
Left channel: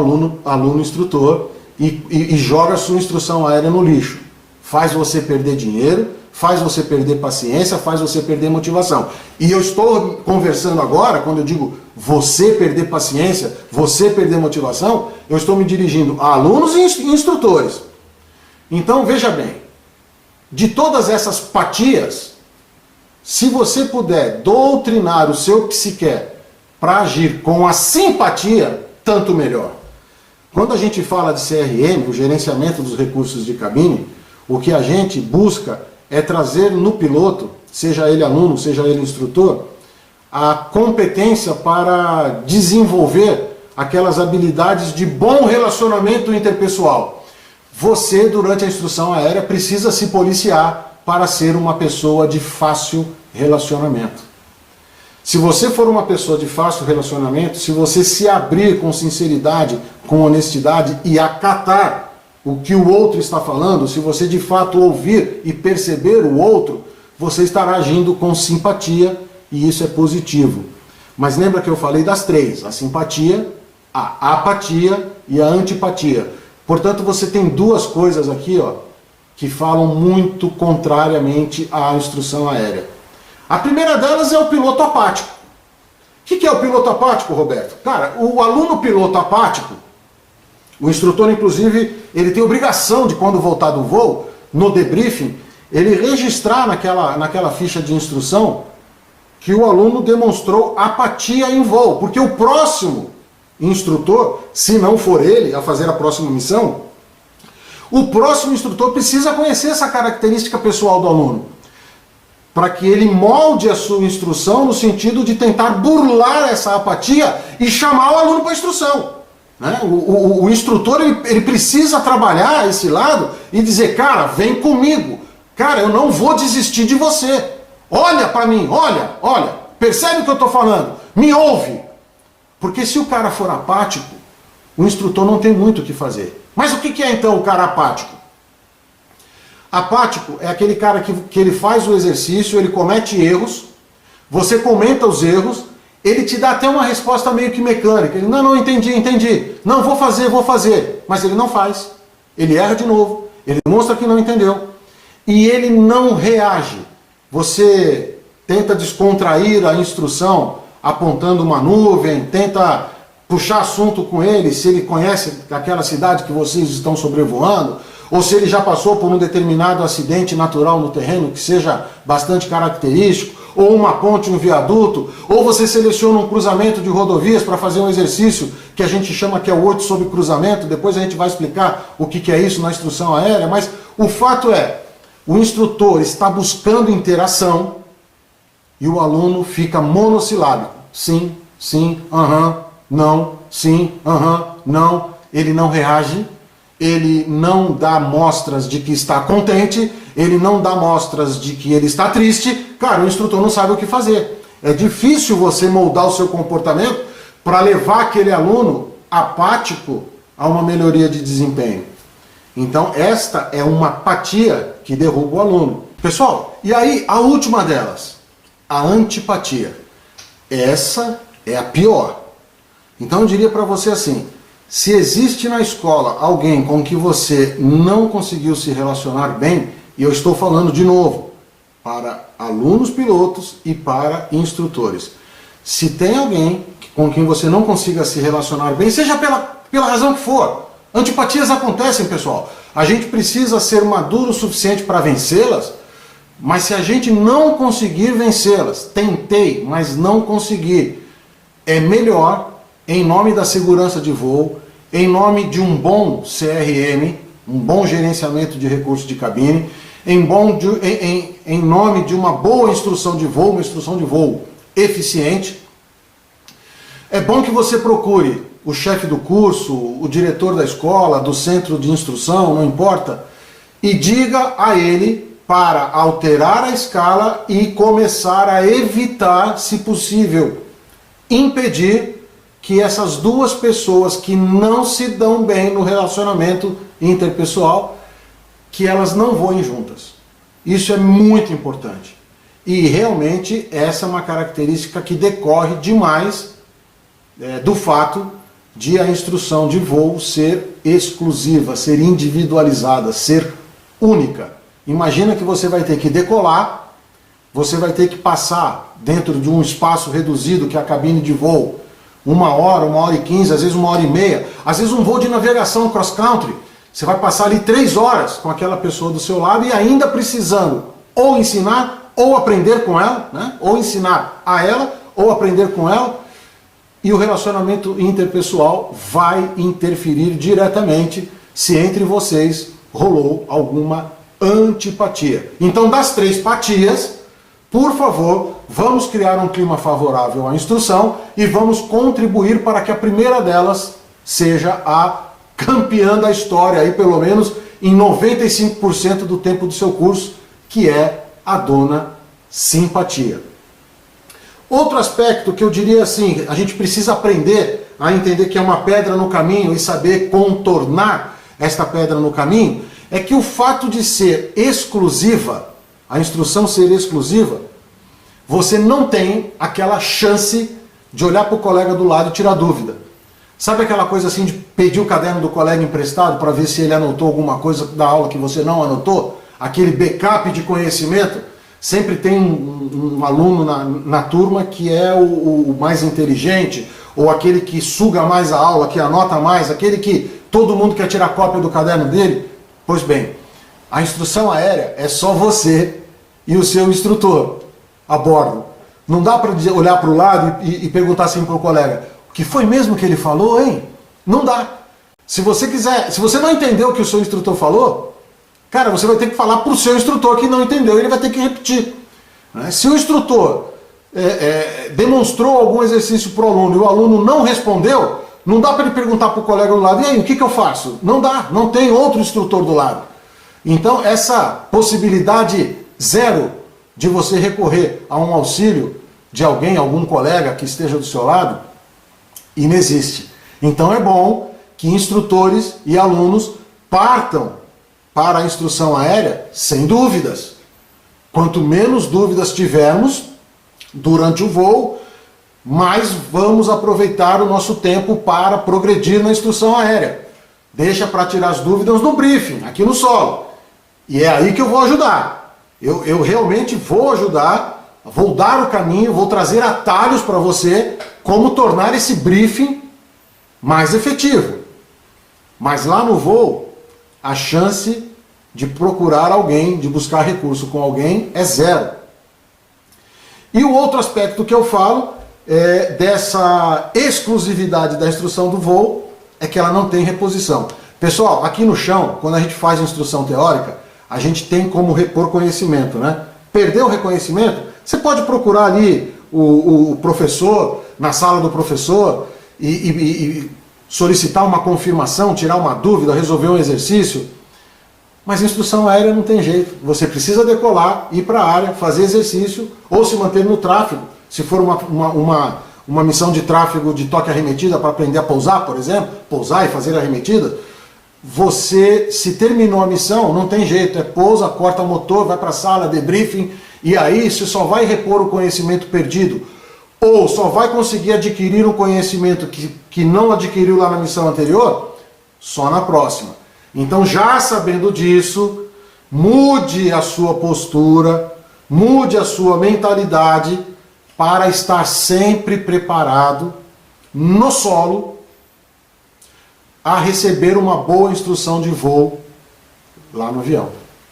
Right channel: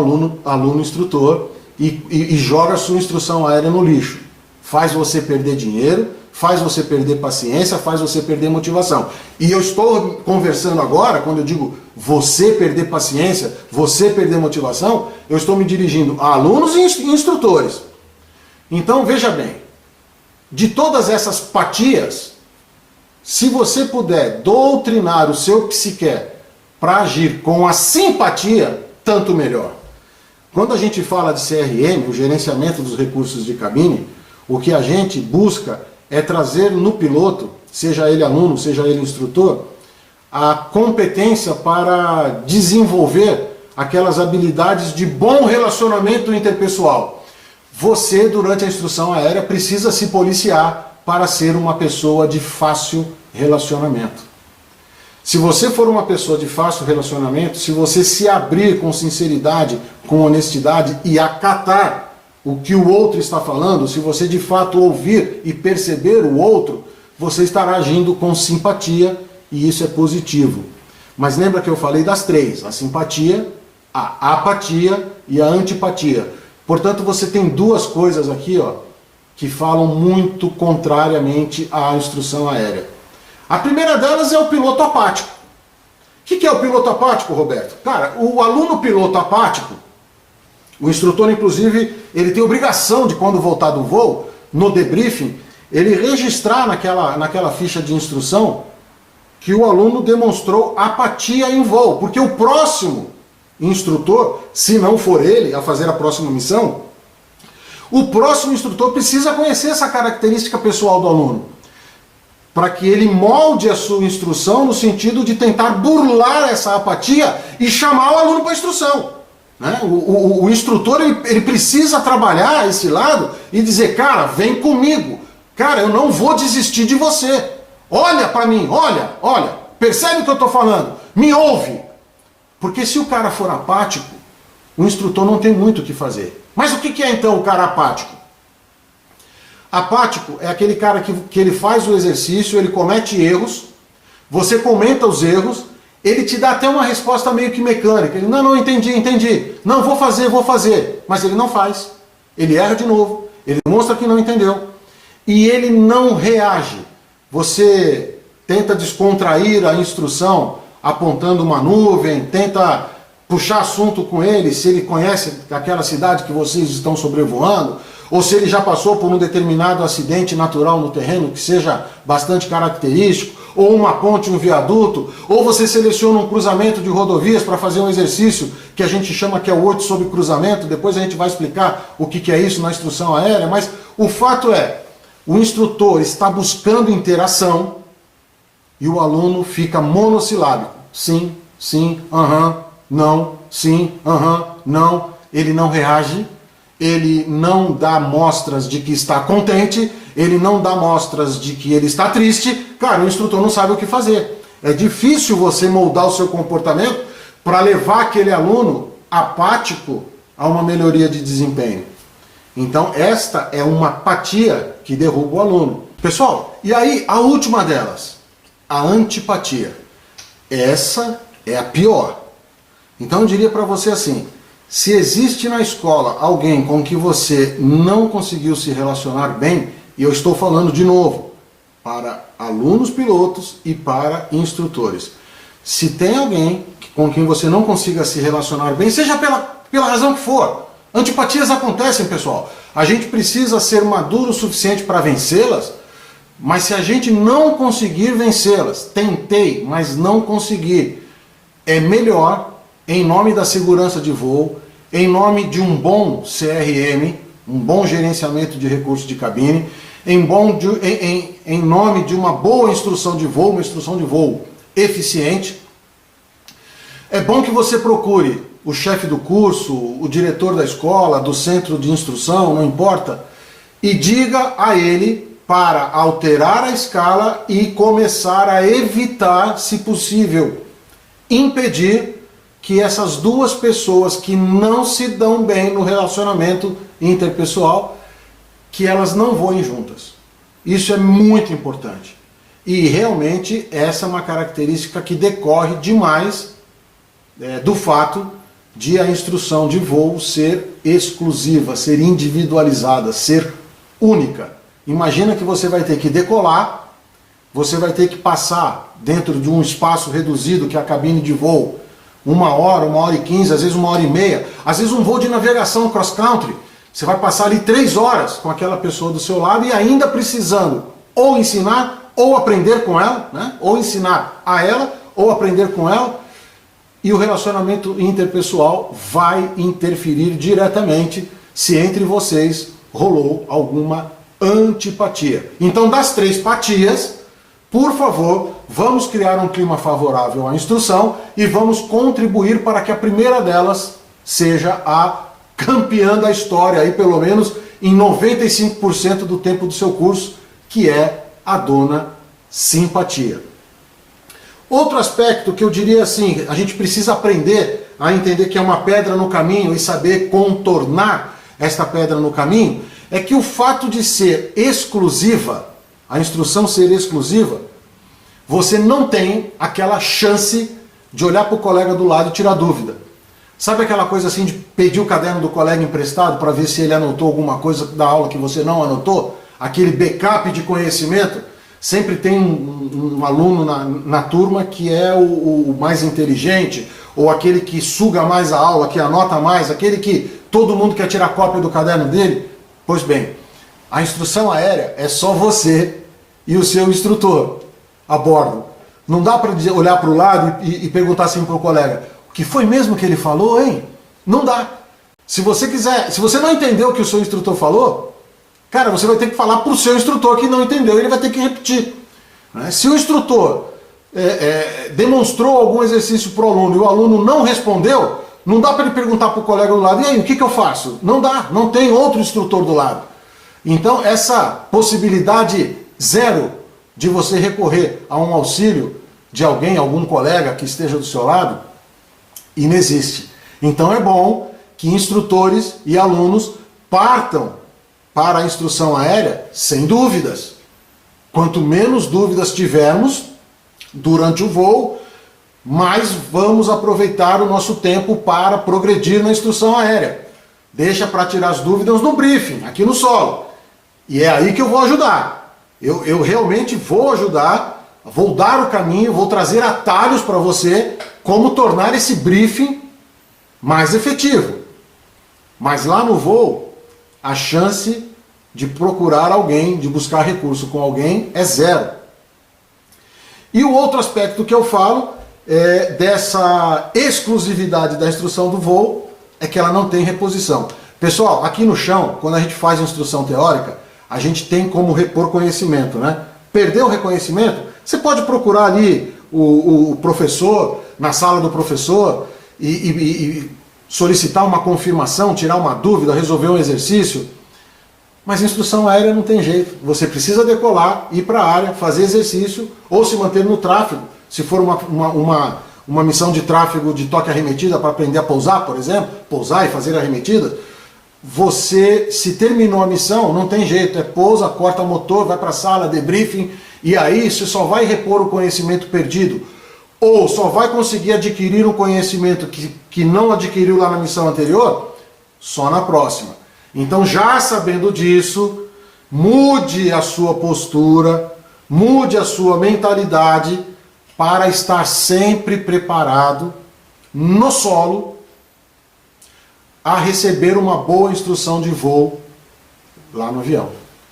aluno-instrutor e joga a sua instrução aérea no lixo. Faz você perder dinheiro, faz você perder paciência, faz você perder motivação. E eu estou conversando agora, quando eu digo você perder paciência, você perder motivação, eu estou me dirigindo a alunos e instrutores. Então veja bem, de todas essas patias, se você puder doutrinar o seu psique para agir com a simpatia, tanto melhor. Quando a gente fala de CRM, o gerenciamento dos recursos de cabine, o que a gente busca é trazer no piloto, seja ele aluno, seja ele instrutor, a competência para desenvolver aquelas habilidades de bom relacionamento interpessoal. Você, durante a instrução aérea, precisa se policiar para ser uma pessoa de fácil relacionamento. Se você for uma pessoa de fácil relacionamento, se você se abrir com sinceridade, com honestidade e acatar o que o outro está falando, se você de fato ouvir e perceber o outro, você estará agindo com simpatia e isso é positivo. Mas lembra que eu falei das três, a simpatia, a apatia e a antipatia. Portanto, você tem duas coisas aqui, ó, que falam muito contrariamente à instrução aérea. A primeira delas é o piloto apático. O que é o piloto apático, Roberto? Cara, o aluno piloto apático, o instrutor, inclusive, ele tem obrigação de, quando voltar do voo, no debriefing, ele registrar naquela ficha de instrução que o aluno demonstrou apatia em voo, porque o próximo instrutor, se não for ele a fazer a próxima missão, o próximo instrutor precisa conhecer essa característica pessoal do aluno, para que ele molde a sua instrução no sentido de tentar burlar essa apatia e chamar o aluno para a instrução. Né? O instrutor ele precisa trabalhar esse lado e dizer, cara, vem comigo. Cara, eu não vou desistir de você. Olha para mim, olha. Percebe o que eu estou falando? Me ouve. Porque se o cara for apático, o instrutor não tem muito o que fazer. Mas o que é então o cara apático? Apático é aquele cara que ele faz o exercício, ele comete erros, você comenta os erros, ele te dá até uma resposta meio que mecânica. Ele, não, entendi. Não, vou fazer. Mas ele não faz. Ele erra de novo, ele demonstra que não entendeu. E ele não reage. Você tenta descontrair a instrução apontando uma nuvem, tenta puxar assunto com ele, se ele conhece aquela cidade que vocês estão sobrevoando, ou se ele já passou por um determinado acidente natural no terreno que seja bastante característico, ou uma ponte, um viaduto, ou você seleciona um cruzamento de rodovias para fazer um exercício que a gente chama que é o 8 sobre cruzamento, depois a gente vai explicar o que é isso na instrução aérea, mas o fato é, o instrutor está buscando interação e o aluno fica monossilábico. Sim, não, sim, não. Ele não reage, ele não dá mostras de que está contente, ele não dá mostras de que ele está triste. Cara, o instrutor não sabe o que fazer. É difícil você moldar o seu comportamento para levar aquele aluno apático a uma melhoria de desempenho. Então esta é uma apatia que derruba o aluno. Pessoal, e aí a última delas, a antipatia. Essa é a pior. Então eu diria para você assim, se existe na escola alguém com que você não conseguiu se relacionar bem, e eu estou falando de novo, para alunos pilotos e para instrutores. Se tem alguém com quem você não consiga se relacionar bem, seja pela razão que for, antipatias acontecem, pessoal. A gente precisa ser maduro o suficiente para vencê-las, mas se a gente não conseguir vencê-las, tentei, mas não consegui, é melhor, em nome da segurança de voo, em nome de um bom CRM, um bom gerenciamento de recursos de cabine, em nome de uma boa instrução de voo, uma instrução de voo eficiente, é bom que você procure o chefe do curso, o diretor da escola, do centro de instrução, não importa, e diga a ele para alterar a escala e começar a evitar, se possível, impedir que essas duas pessoas que não se dão bem no relacionamento interpessoal, que elas não voem juntas. Isso é muito importante. E realmente essa é uma característica que decorre demais do fato de a instrução de voo ser exclusiva, ser individualizada, ser única. Imagina que você vai ter que decolar, você vai ter que passar dentro de um espaço reduzido que é a cabine de voo, 1 hora, 1h15, às vezes 1h30, às vezes um voo de navegação cross-country, você vai passar ali 3 horas com aquela pessoa do seu lado e ainda precisando ou ensinar ou aprender com ela, né? Ou ensinar a ela ou aprender com ela, e o relacionamento interpessoal vai interferir diretamente se entre vocês rolou alguma antipatia. Então, das 3 patias, por favor, vamos criar um clima favorável à instrução e vamos contribuir para que a primeira delas seja a campeã da história, aí pelo menos em 95% do tempo do seu curso, que é a dona simpatia. Outro aspecto que eu diria assim, a gente precisa aprender a entender que é uma pedra no caminho e saber contornar esta pedra no caminho, é que o fato de ser exclusiva, a instrução ser exclusiva, você não tem aquela chance de olhar para o colega do lado e tirar dúvida. Sabe aquela coisa assim de pedir o caderno do colega emprestado para ver se ele anotou alguma coisa da aula que você não anotou? Aquele backup de conhecimento? Sempre tem um aluno na turma que é o mais inteligente, ou aquele que suga mais a aula, que anota mais, aquele que todo mundo quer tirar cópia do caderno dele. Pois bem, a instrução aérea é só você e o seu instrutor a bordo. Não dá para olhar para o lado e perguntar assim para o colega, o que foi mesmo que ele falou, hein? Não dá. Se você não entendeu o que o seu instrutor falou, cara, você vai ter que falar para o seu instrutor que não entendeu, ele vai ter que repetir. Se o instrutor demonstrou algum exercício para o aluno e o aluno não respondeu, Não dá para ele perguntar para o colega do lado, e aí, o que eu faço? Não dá, não tem outro instrutor do lado. Então, essa possibilidade zero de você recorrer a um auxílio de alguém, algum colega que esteja do seu lado, inexiste. Então é bom que instrutores e alunos partam para a instrução aérea sem dúvidas. Quanto menos dúvidas tivermos durante o voo, mais vamos aproveitar o nosso tempo para progredir na instrução aérea. Deixa para tirar as dúvidas no briefing, aqui no solo. E é aí que eu vou ajudar. Eu realmente vou ajudar, vou dar o caminho, vou trazer atalhos para você como tornar esse briefing mais efetivo. Mas lá no voo, a chance de procurar alguém, de buscar recurso com alguém é zero. E o outro aspecto que eu falo dessa exclusividade da instrução do voo é que ela não tem reposição. Pessoal, aqui no chão, quando a gente faz a instrução teórica, a gente tem como repor conhecimento, né? Perdeu o reconhecimento, você pode procurar ali o professor, na sala do professor, e solicitar uma confirmação, tirar uma dúvida, resolver um exercício. Mas instrução aérea não tem jeito. Você precisa decolar, ir para a área, fazer exercício, ou se manter no tráfego. Se for uma missão de tráfego de toque arremetida para aprender a pousar, por exemplo, pousar e fazer arremetidas, você, se terminou a missão, não tem jeito, pousa, corta o motor, vai para a sala, debriefing, e aí você só vai repor o conhecimento perdido, ou só vai conseguir adquirir um conhecimento que não adquiriu lá na missão anterior, só na próxima. Então, já sabendo disso, mude a sua postura, mude a sua mentalidade para estar sempre preparado no solo a receber uma boa instrução de voo lá no avião.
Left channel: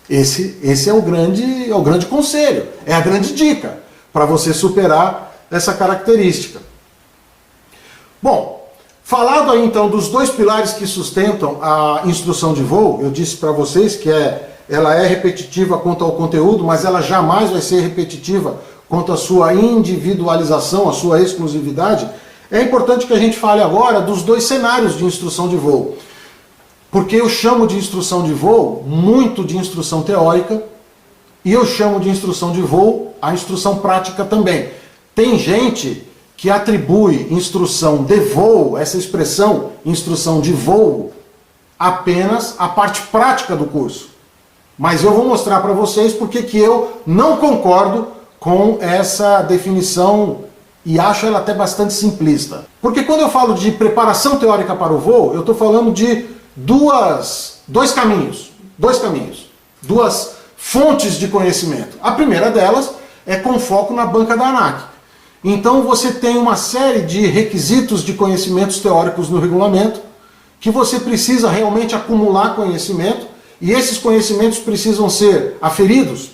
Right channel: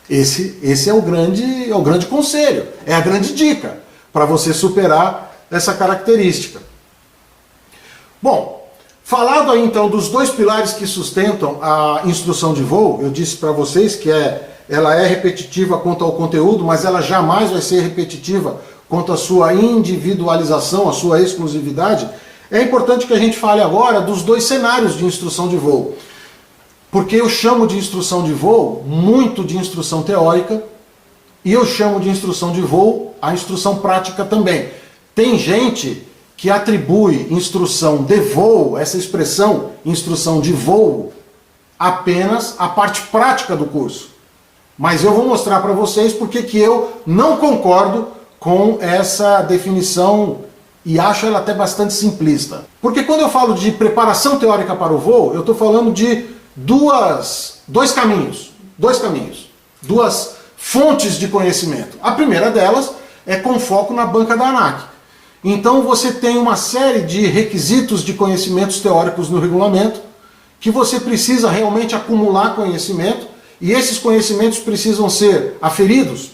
Esse é o grande conselho, é a grande dica para você superar essa característica. Bom, falado aí então dos dois pilares que sustentam a instrução de voo, eu disse para vocês que ela é repetitiva quanto ao conteúdo, mas ela jamais vai ser repetitiva quanto à sua individualização, à sua exclusividade. É importante que a gente fale agora dos dois cenários de instrução de voo. Porque eu chamo de instrução de voo muito de instrução teórica e eu chamo de instrução de voo a instrução prática também. Tem gente que atribui instrução de voo, essa expressão instrução de voo, apenas à parte prática do curso. Mas eu vou mostrar para vocês porque que eu não concordo com essa definição e acho ela até bastante simplista. Porque quando eu falo de preparação teórica para o voo, eu estou falando de dois caminhos, duas fontes de conhecimento. A primeira delas é com foco na banca da ANAC. Então você tem uma série de requisitos de conhecimentos teóricos no regulamento que você precisa realmente acumular conhecimento e esses conhecimentos precisam ser aferidos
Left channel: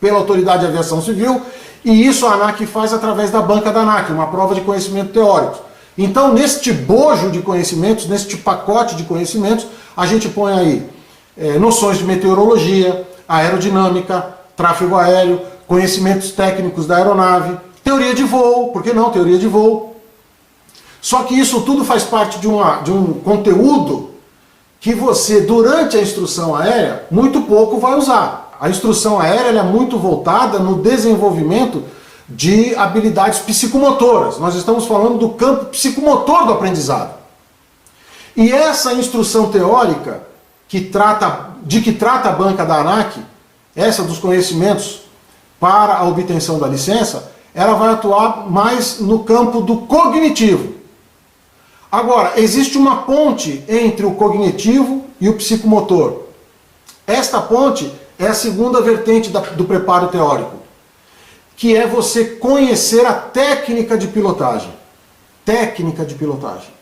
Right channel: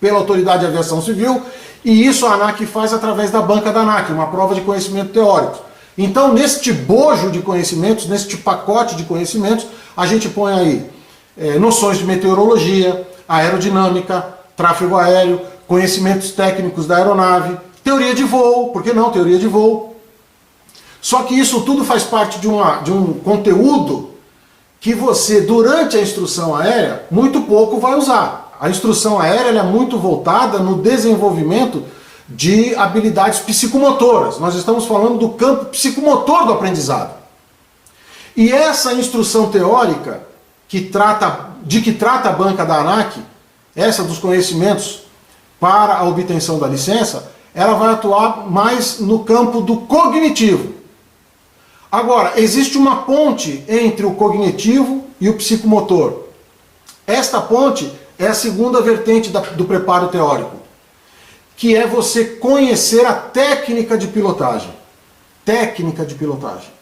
pela Autoridade de Aviação Civil e isso a ANAC faz através da banca da ANAC, uma prova de conhecimento teórico. Então neste bojo de conhecimentos, neste pacote de conhecimentos, a gente põe aí noções de meteorologia, aerodinâmica, tráfego aéreo, conhecimentos técnicos da aeronave, teoria de voo, por que não teoria de voo? Só que isso tudo faz parte de um conteúdo que você, durante a instrução aérea, muito pouco vai usar. A instrução aérea ela é muito voltada no desenvolvimento de habilidades psicomotoras. Nós estamos falando do campo psicomotor do aprendizado. E essa instrução teórica que trata a banca da ANAC, essa dos conhecimentos para a obtenção da licença, ela vai atuar mais no campo do cognitivo. Agora, existe uma ponte entre o cognitivo e o psicomotor. Esta ponte é a segunda vertente do preparo teórico, que é você conhecer a técnica de pilotagem. Técnica de pilotagem.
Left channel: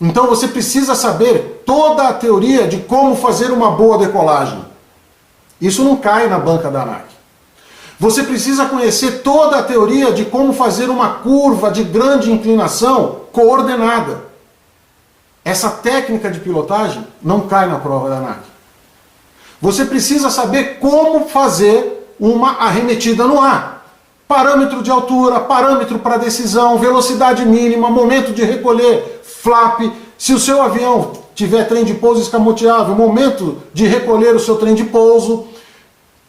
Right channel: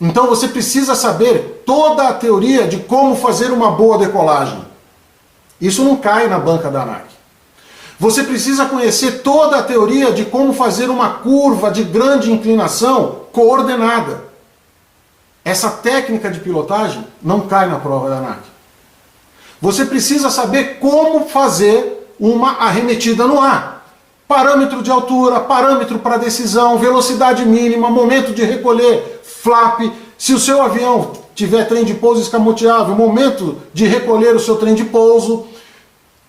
Então você precisa saber toda a teoria de como fazer uma boa decolagem. Isso não cai na banca da ANAC. Você precisa conhecer toda a teoria de como fazer uma curva de grande inclinação coordenada. Essa técnica de pilotagem não cai na prova da ANAC. Você precisa saber como fazer uma arremetida no ar. parâmetro de altura, parâmetro para decisão, velocidade mínima, momento de recolher, flap, se o seu avião tiver trem de pouso escamoteável, momento de recolher o seu trem de pouso,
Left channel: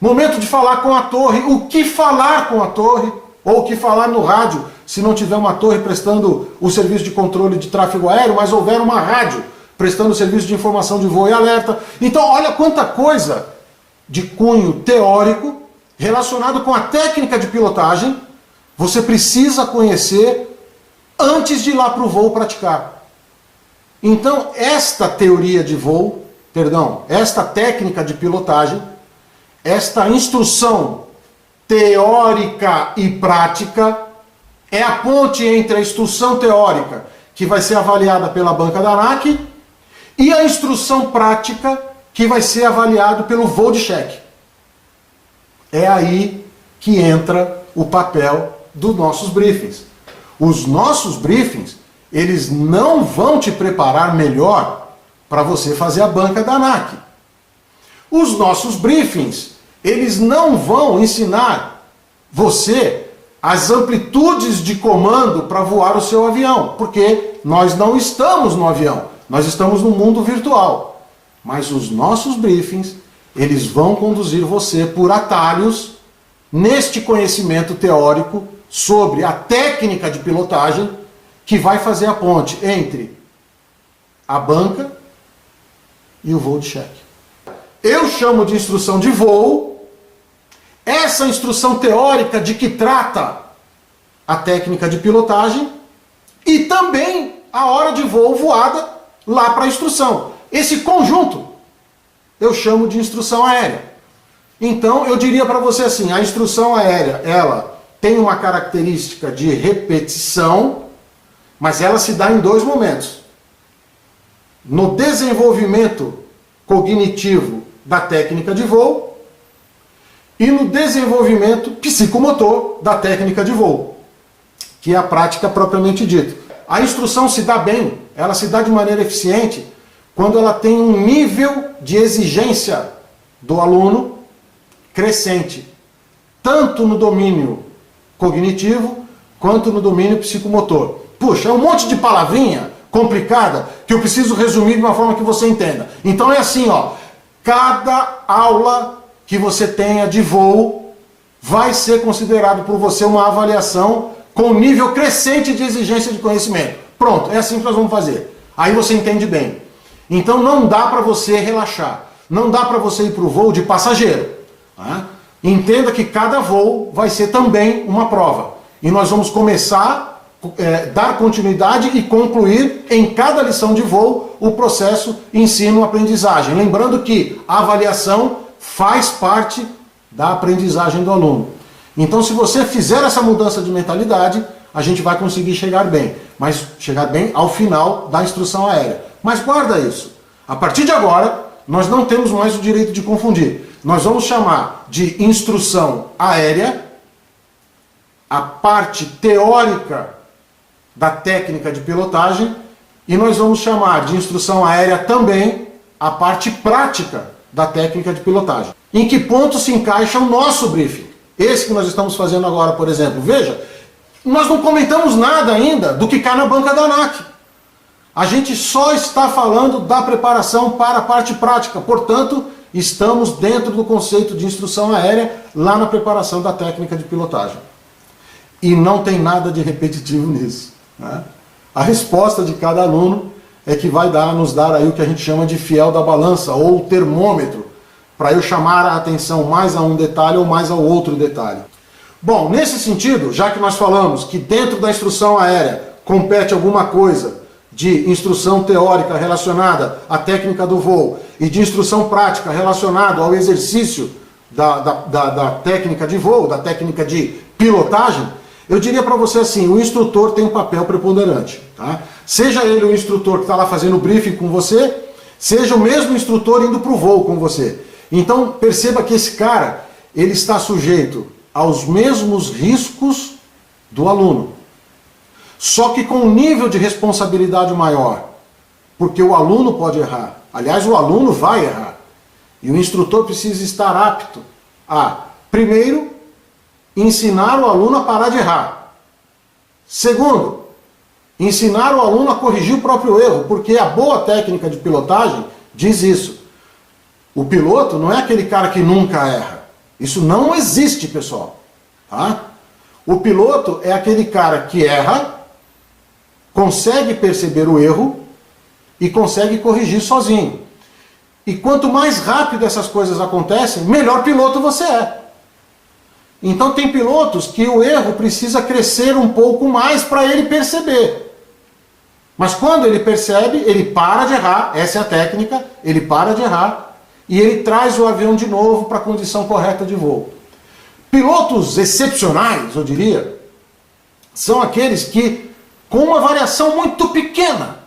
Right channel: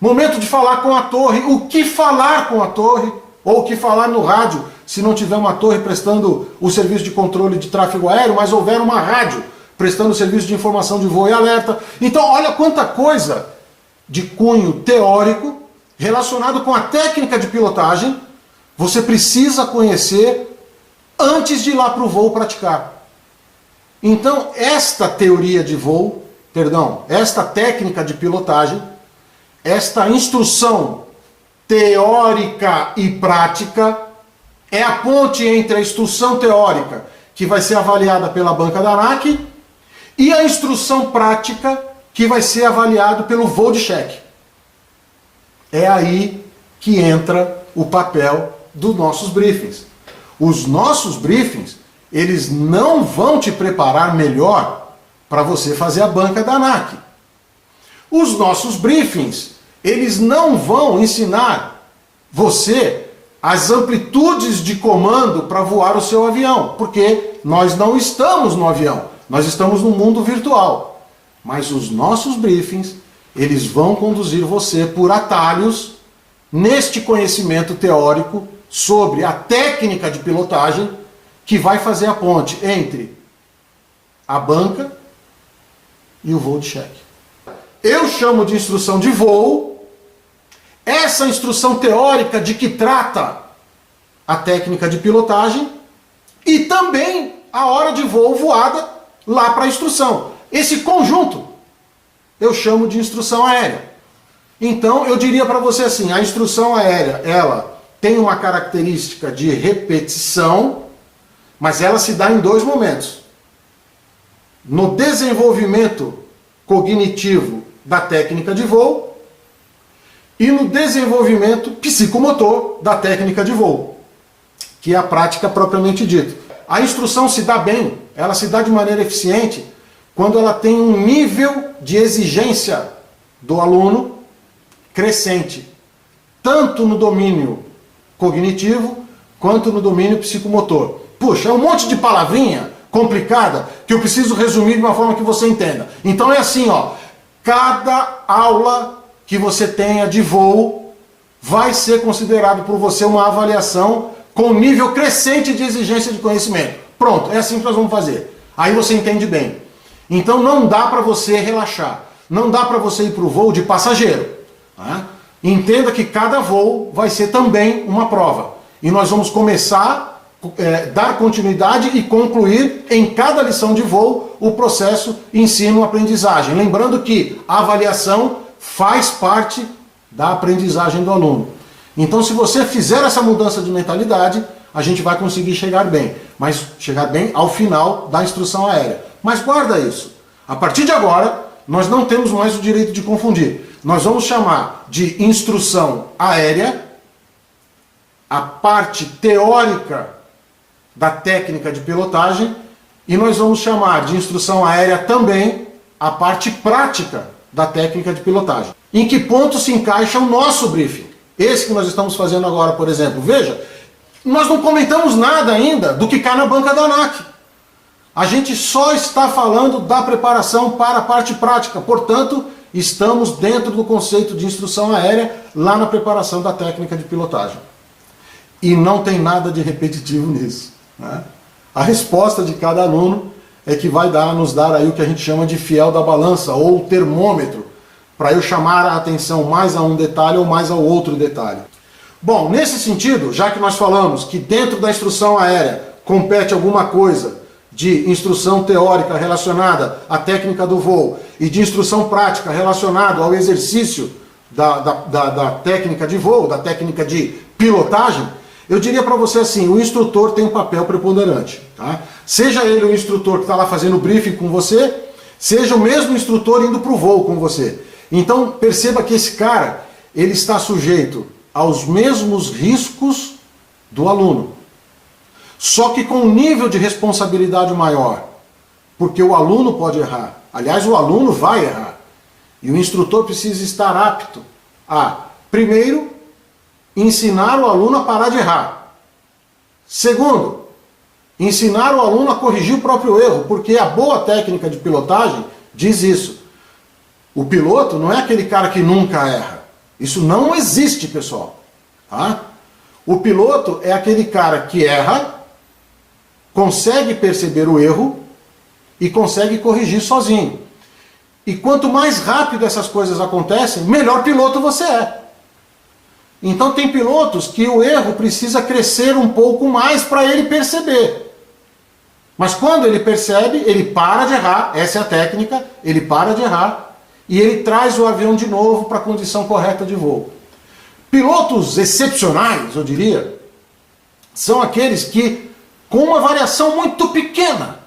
momento de falar com a torre, o que falar com a torre, ou o que falar no rádio, se não tiver uma torre prestando o serviço de controle de tráfego aéreo, mas houver uma rádio prestando o serviço de informação de voo e alerta. Então, olha quanta coisa de cunho teórico relacionado com a técnica de pilotagem você precisa conhecer antes de ir lá para o voo praticar. Então, esta teoria de voo, esta técnica de pilotagem, esta instrução teórica e prática é a ponte entre a instrução teórica, que vai ser avaliada pela banca da ANAC, e a instrução prática, que vai ser avaliado pelo voo de cheque. É aí que entra o papel dos nossos briefings. Os nossos briefings, eles não vão te preparar melhor para você fazer a banca da ANAC. Os nossos briefings, eles não vão ensinar você as amplitudes de comando para voar o seu avião, porque nós não estamos no avião, nós estamos no mundo virtual. Mas os nossos briefings, eles vão conduzir você por atalhos neste conhecimento teórico sobre a técnica de pilotagem que vai fazer a ponte entre a banca e o voo de cheque. Eu chamo de instrução de voo essa instrução teórica de que trata a técnica de pilotagem e também a hora de voo voada lá para a instrução. Esse conjunto eu chamo de instrução aérea. Então eu diria para você assim, a instrução aérea, ela tem uma característica de repetição, mas ela se dá em dois momentos. No desenvolvimento cognitivo da técnica de voo e no desenvolvimento psicomotor da técnica de voo, que é a prática propriamente dita. A instrução se dá bem, ela se dá de maneira eficiente quando ela tem um nível de exigência do aluno crescente, tanto no domínio cognitivo quanto no domínio psicomotor. Puxa, é um monte de palavrinha complicada que eu preciso resumir de uma forma que você entenda. Então é assim, ó, cada aula que você tenha de voo vai ser considerado por você uma avaliação com nível crescente de exigência de conhecimento. Pronto, é assim que nós vamos fazer. Aí você entende bem. Então não dá para você relaxar. Não dá para você ir para o voo de passageiro. Né? Entenda que cada voo vai ser também uma prova. E nós vamos começar dar continuidade e concluir em cada lição de voo o processo ensino-aprendizagem. Lembrando que a avaliação faz parte da aprendizagem do aluno. Então, se você fizer essa mudança de mentalidade, a gente vai conseguir chegar bem. Mas chegar bem ao final da instrução aérea. Mas guarda isso. A partir de agora, nós não temos mais o direito de confundir. Nós vamos chamar de instrução aérea a parte teórica da técnica de pilotagem e nós vamos chamar de instrução aérea também a parte prática da técnica de pilotagem. Em que ponto se encaixa o nosso briefing? Esse que nós estamos fazendo agora, por exemplo. Veja, nós não comentamos nada ainda do que cai na banca da ANAC. A gente só está falando da preparação para a parte prática. Portanto, estamos dentro do conceito de instrução aérea lá na preparação da técnica de pilotagem. E não tem nada de repetitivo nisso. Né? A resposta de cada aluno é que vai nos dar aí o que a gente chama de fiel da balança ou termômetro, para eu chamar a atenção mais a um detalhe ou mais ao outro detalhe. Bom, nesse sentido, já que nós falamos que dentro da instrução aérea compete alguma coisa de instrução teórica relacionada à técnica do voo e de instrução prática relacionada ao exercício da técnica de voo, da técnica de pilotagem, eu diria para você assim, o instrutor tem um papel preponderante. Tá? Seja ele o instrutor que está lá fazendo o briefing com você, seja o mesmo instrutor indo para o voo com você. Então perceba que esse cara, ele está sujeito aos mesmos riscos do aluno. Só que com um nível de responsabilidade maior. Porque o aluno pode errar. Aliás, o aluno vai errar. E o instrutor precisa estar apto a, primeiro, ensinar o aluno a parar de errar. Segundo, ensinar o aluno a corrigir o próprio erro, porque a boa técnica de pilotagem diz isso. O piloto não é aquele cara que nunca erra. Isso não existe, pessoal. Tá? O piloto é aquele cara que erra, consegue perceber o erro e consegue corrigir sozinho. E quanto mais rápido essas coisas acontecem, melhor piloto você é. Então tem pilotos que o erro precisa crescer um pouco mais para ele perceber. Mas quando ele percebe, ele para de errar, essa é a técnica, ele para de errar e ele traz o avião de novo para a condição correta de voo. Pilotos excepcionais, eu diria, são aqueles que, com uma variação muito pequena,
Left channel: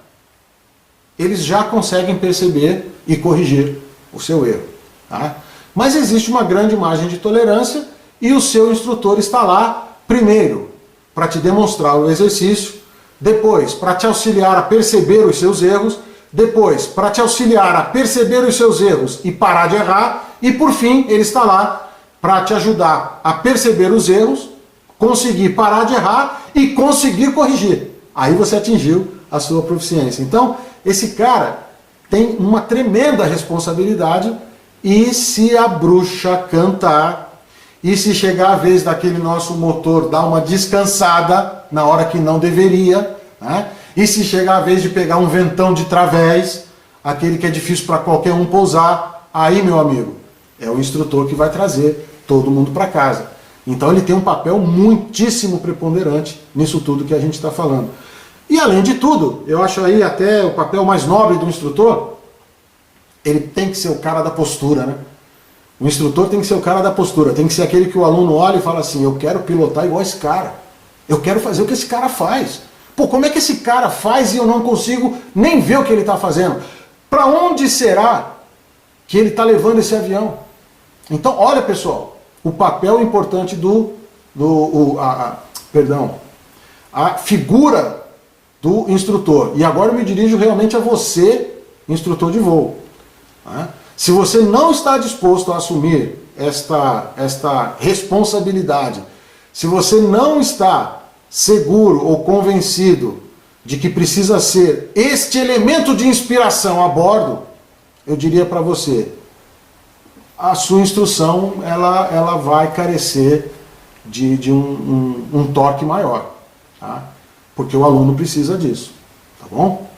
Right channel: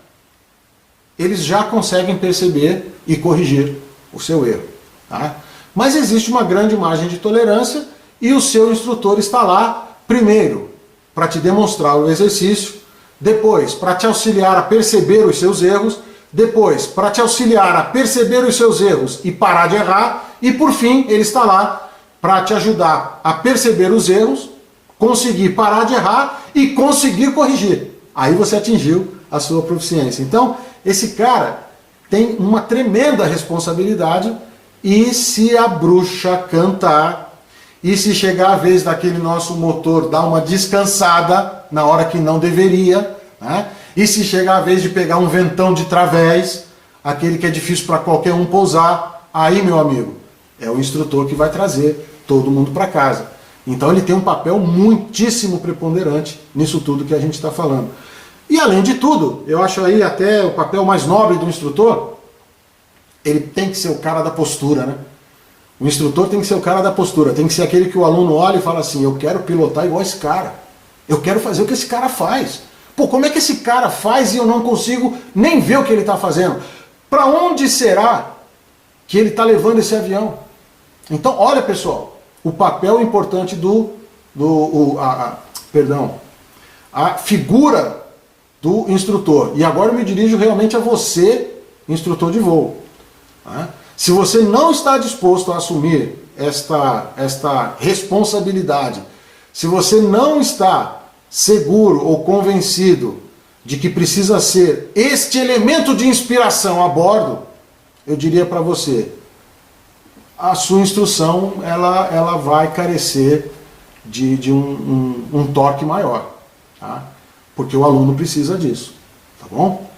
eles já conseguem perceber e corrigir o seu erro. Tá? Mas existe uma grande margem de tolerância e o seu instrutor está lá, primeiro, para te demonstrar o exercício, depois, para te auxiliar a perceber os seus erros, depois, para te auxiliar a perceber os seus erros e parar de errar, e por fim, ele está lá para te ajudar a perceber os erros, conseguir parar de errar e conseguir corrigir. Aí você atingiu a sua proficiência. Então, esse cara tem uma tremenda responsabilidade e se a bruxa cantar e se chegar a vez daquele nosso motor dar uma descansada na hora que não deveria, né? E se chegar a vez de pegar um ventão de través, aquele que é difícil para qualquer um pousar, aí, meu amigo, é o instrutor que vai trazer todo mundo para casa. Então ele tem um papel muitíssimo preponderante nisso tudo que a gente está falando. E além de tudo, eu acho aí até o papel mais nobre do instrutor, ele tem que ser o cara da postura, né? O instrutor tem que ser o cara da postura, tem que ser aquele que o aluno olha e fala assim, eu quero pilotar igual esse cara, eu quero fazer o que esse cara faz. Pô, como é que esse cara faz e eu não consigo nem ver o que ele está fazendo? Para onde será que ele está levando esse avião? Então, olha pessoal, o papel importante a figura do instrutor. E agora eu me dirijo realmente a você, instrutor de voo. Tá? Se você não está disposto a assumir esta responsabilidade, se você não está seguro ou convencido de que precisa ser este elemento de inspiração a bordo, eu diria para você, a sua instrução ela vai carecer de um toque maior, tá? Porque o aluno precisa disso, tá bom?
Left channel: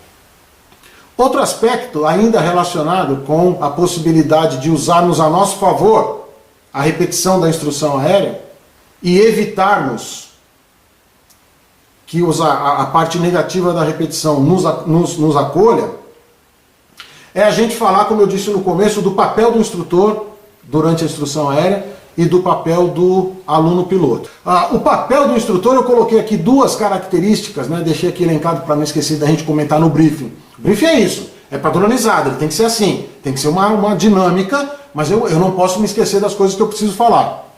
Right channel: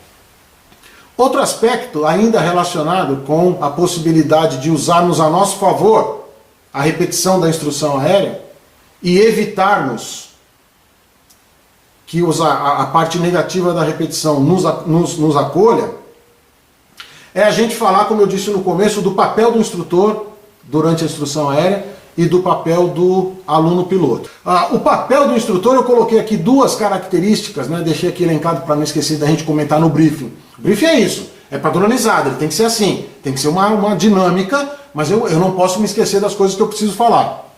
Outro aspecto ainda relacionado com a possibilidade de usarmos a nosso favor a repetição da instrução aérea e evitarmos que a parte negativa da repetição nos acolha, é a gente falar, como eu disse no começo, do papel do instrutor durante a instrução aérea e do papel do aluno piloto. O papel do instrutor, eu coloquei aqui duas características, né? Deixei aqui elencado para não esquecer da gente comentar no briefing. O briefing é isso, é padronizado, ele tem que ser assim, tem que ser uma dinâmica, mas eu não posso me esquecer das coisas que eu preciso falar.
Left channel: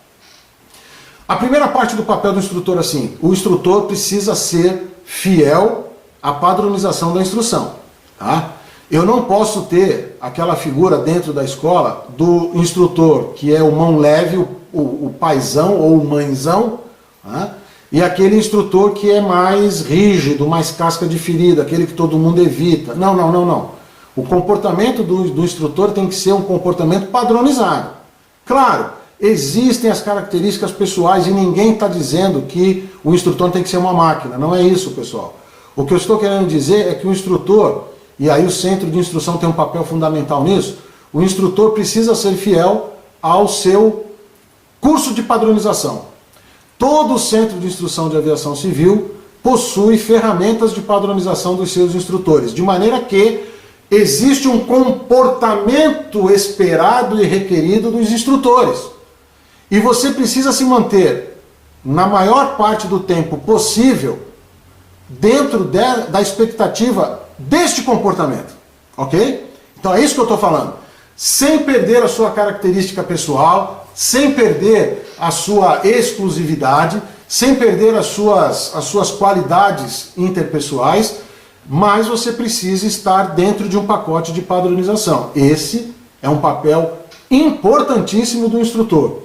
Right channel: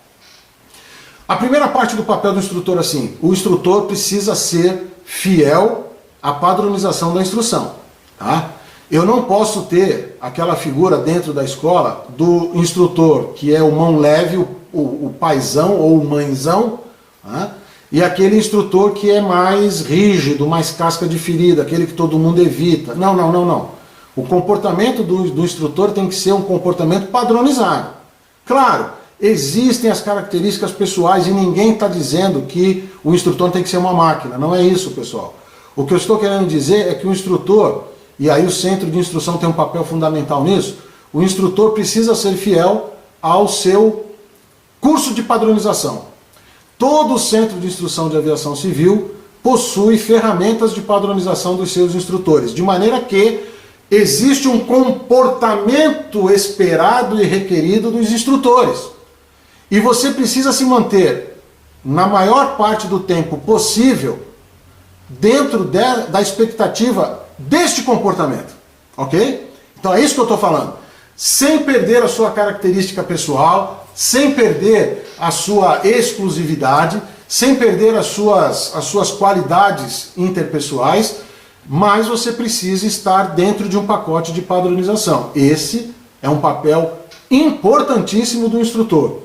A primeira parte do papel do instrutor, assim, o instrutor precisa ser fiel à padronização da instrução, tá? Eu não posso ter aquela figura dentro da escola do instrutor que é o mão leve, o paizão ou o mãezão, tá? E aquele instrutor que é mais rígido, mais casca de ferida, aquele que todo mundo evita. Não, não, não, não. O comportamento do instrutor tem que ser um comportamento padronizado. Claro, existem as características pessoais e ninguém está dizendo que o instrutor tem que ser uma máquina. Não é isso, pessoal. O que eu estou querendo dizer é que o instrutor, e aí o centro de instrução tem um papel fundamental nisso, o instrutor precisa ser fiel ao seu curso de padronização. Todo centro de instrução de aviação civil possui ferramentas de padronização dos seus instrutores, de maneira que existe um comportamento esperado e requerido dos instrutores. E você precisa se manter, na maior parte do tempo possível, dentro da expectativa deste comportamento, ok? Então é isso que eu estou falando. Sem perder a sua característica pessoal, sem perder a sua exclusividade, sem perder as suas qualidades interpessoais, mas você precisa estar dentro de um pacote de padronização. Esse é um papel importantíssimo do instrutor.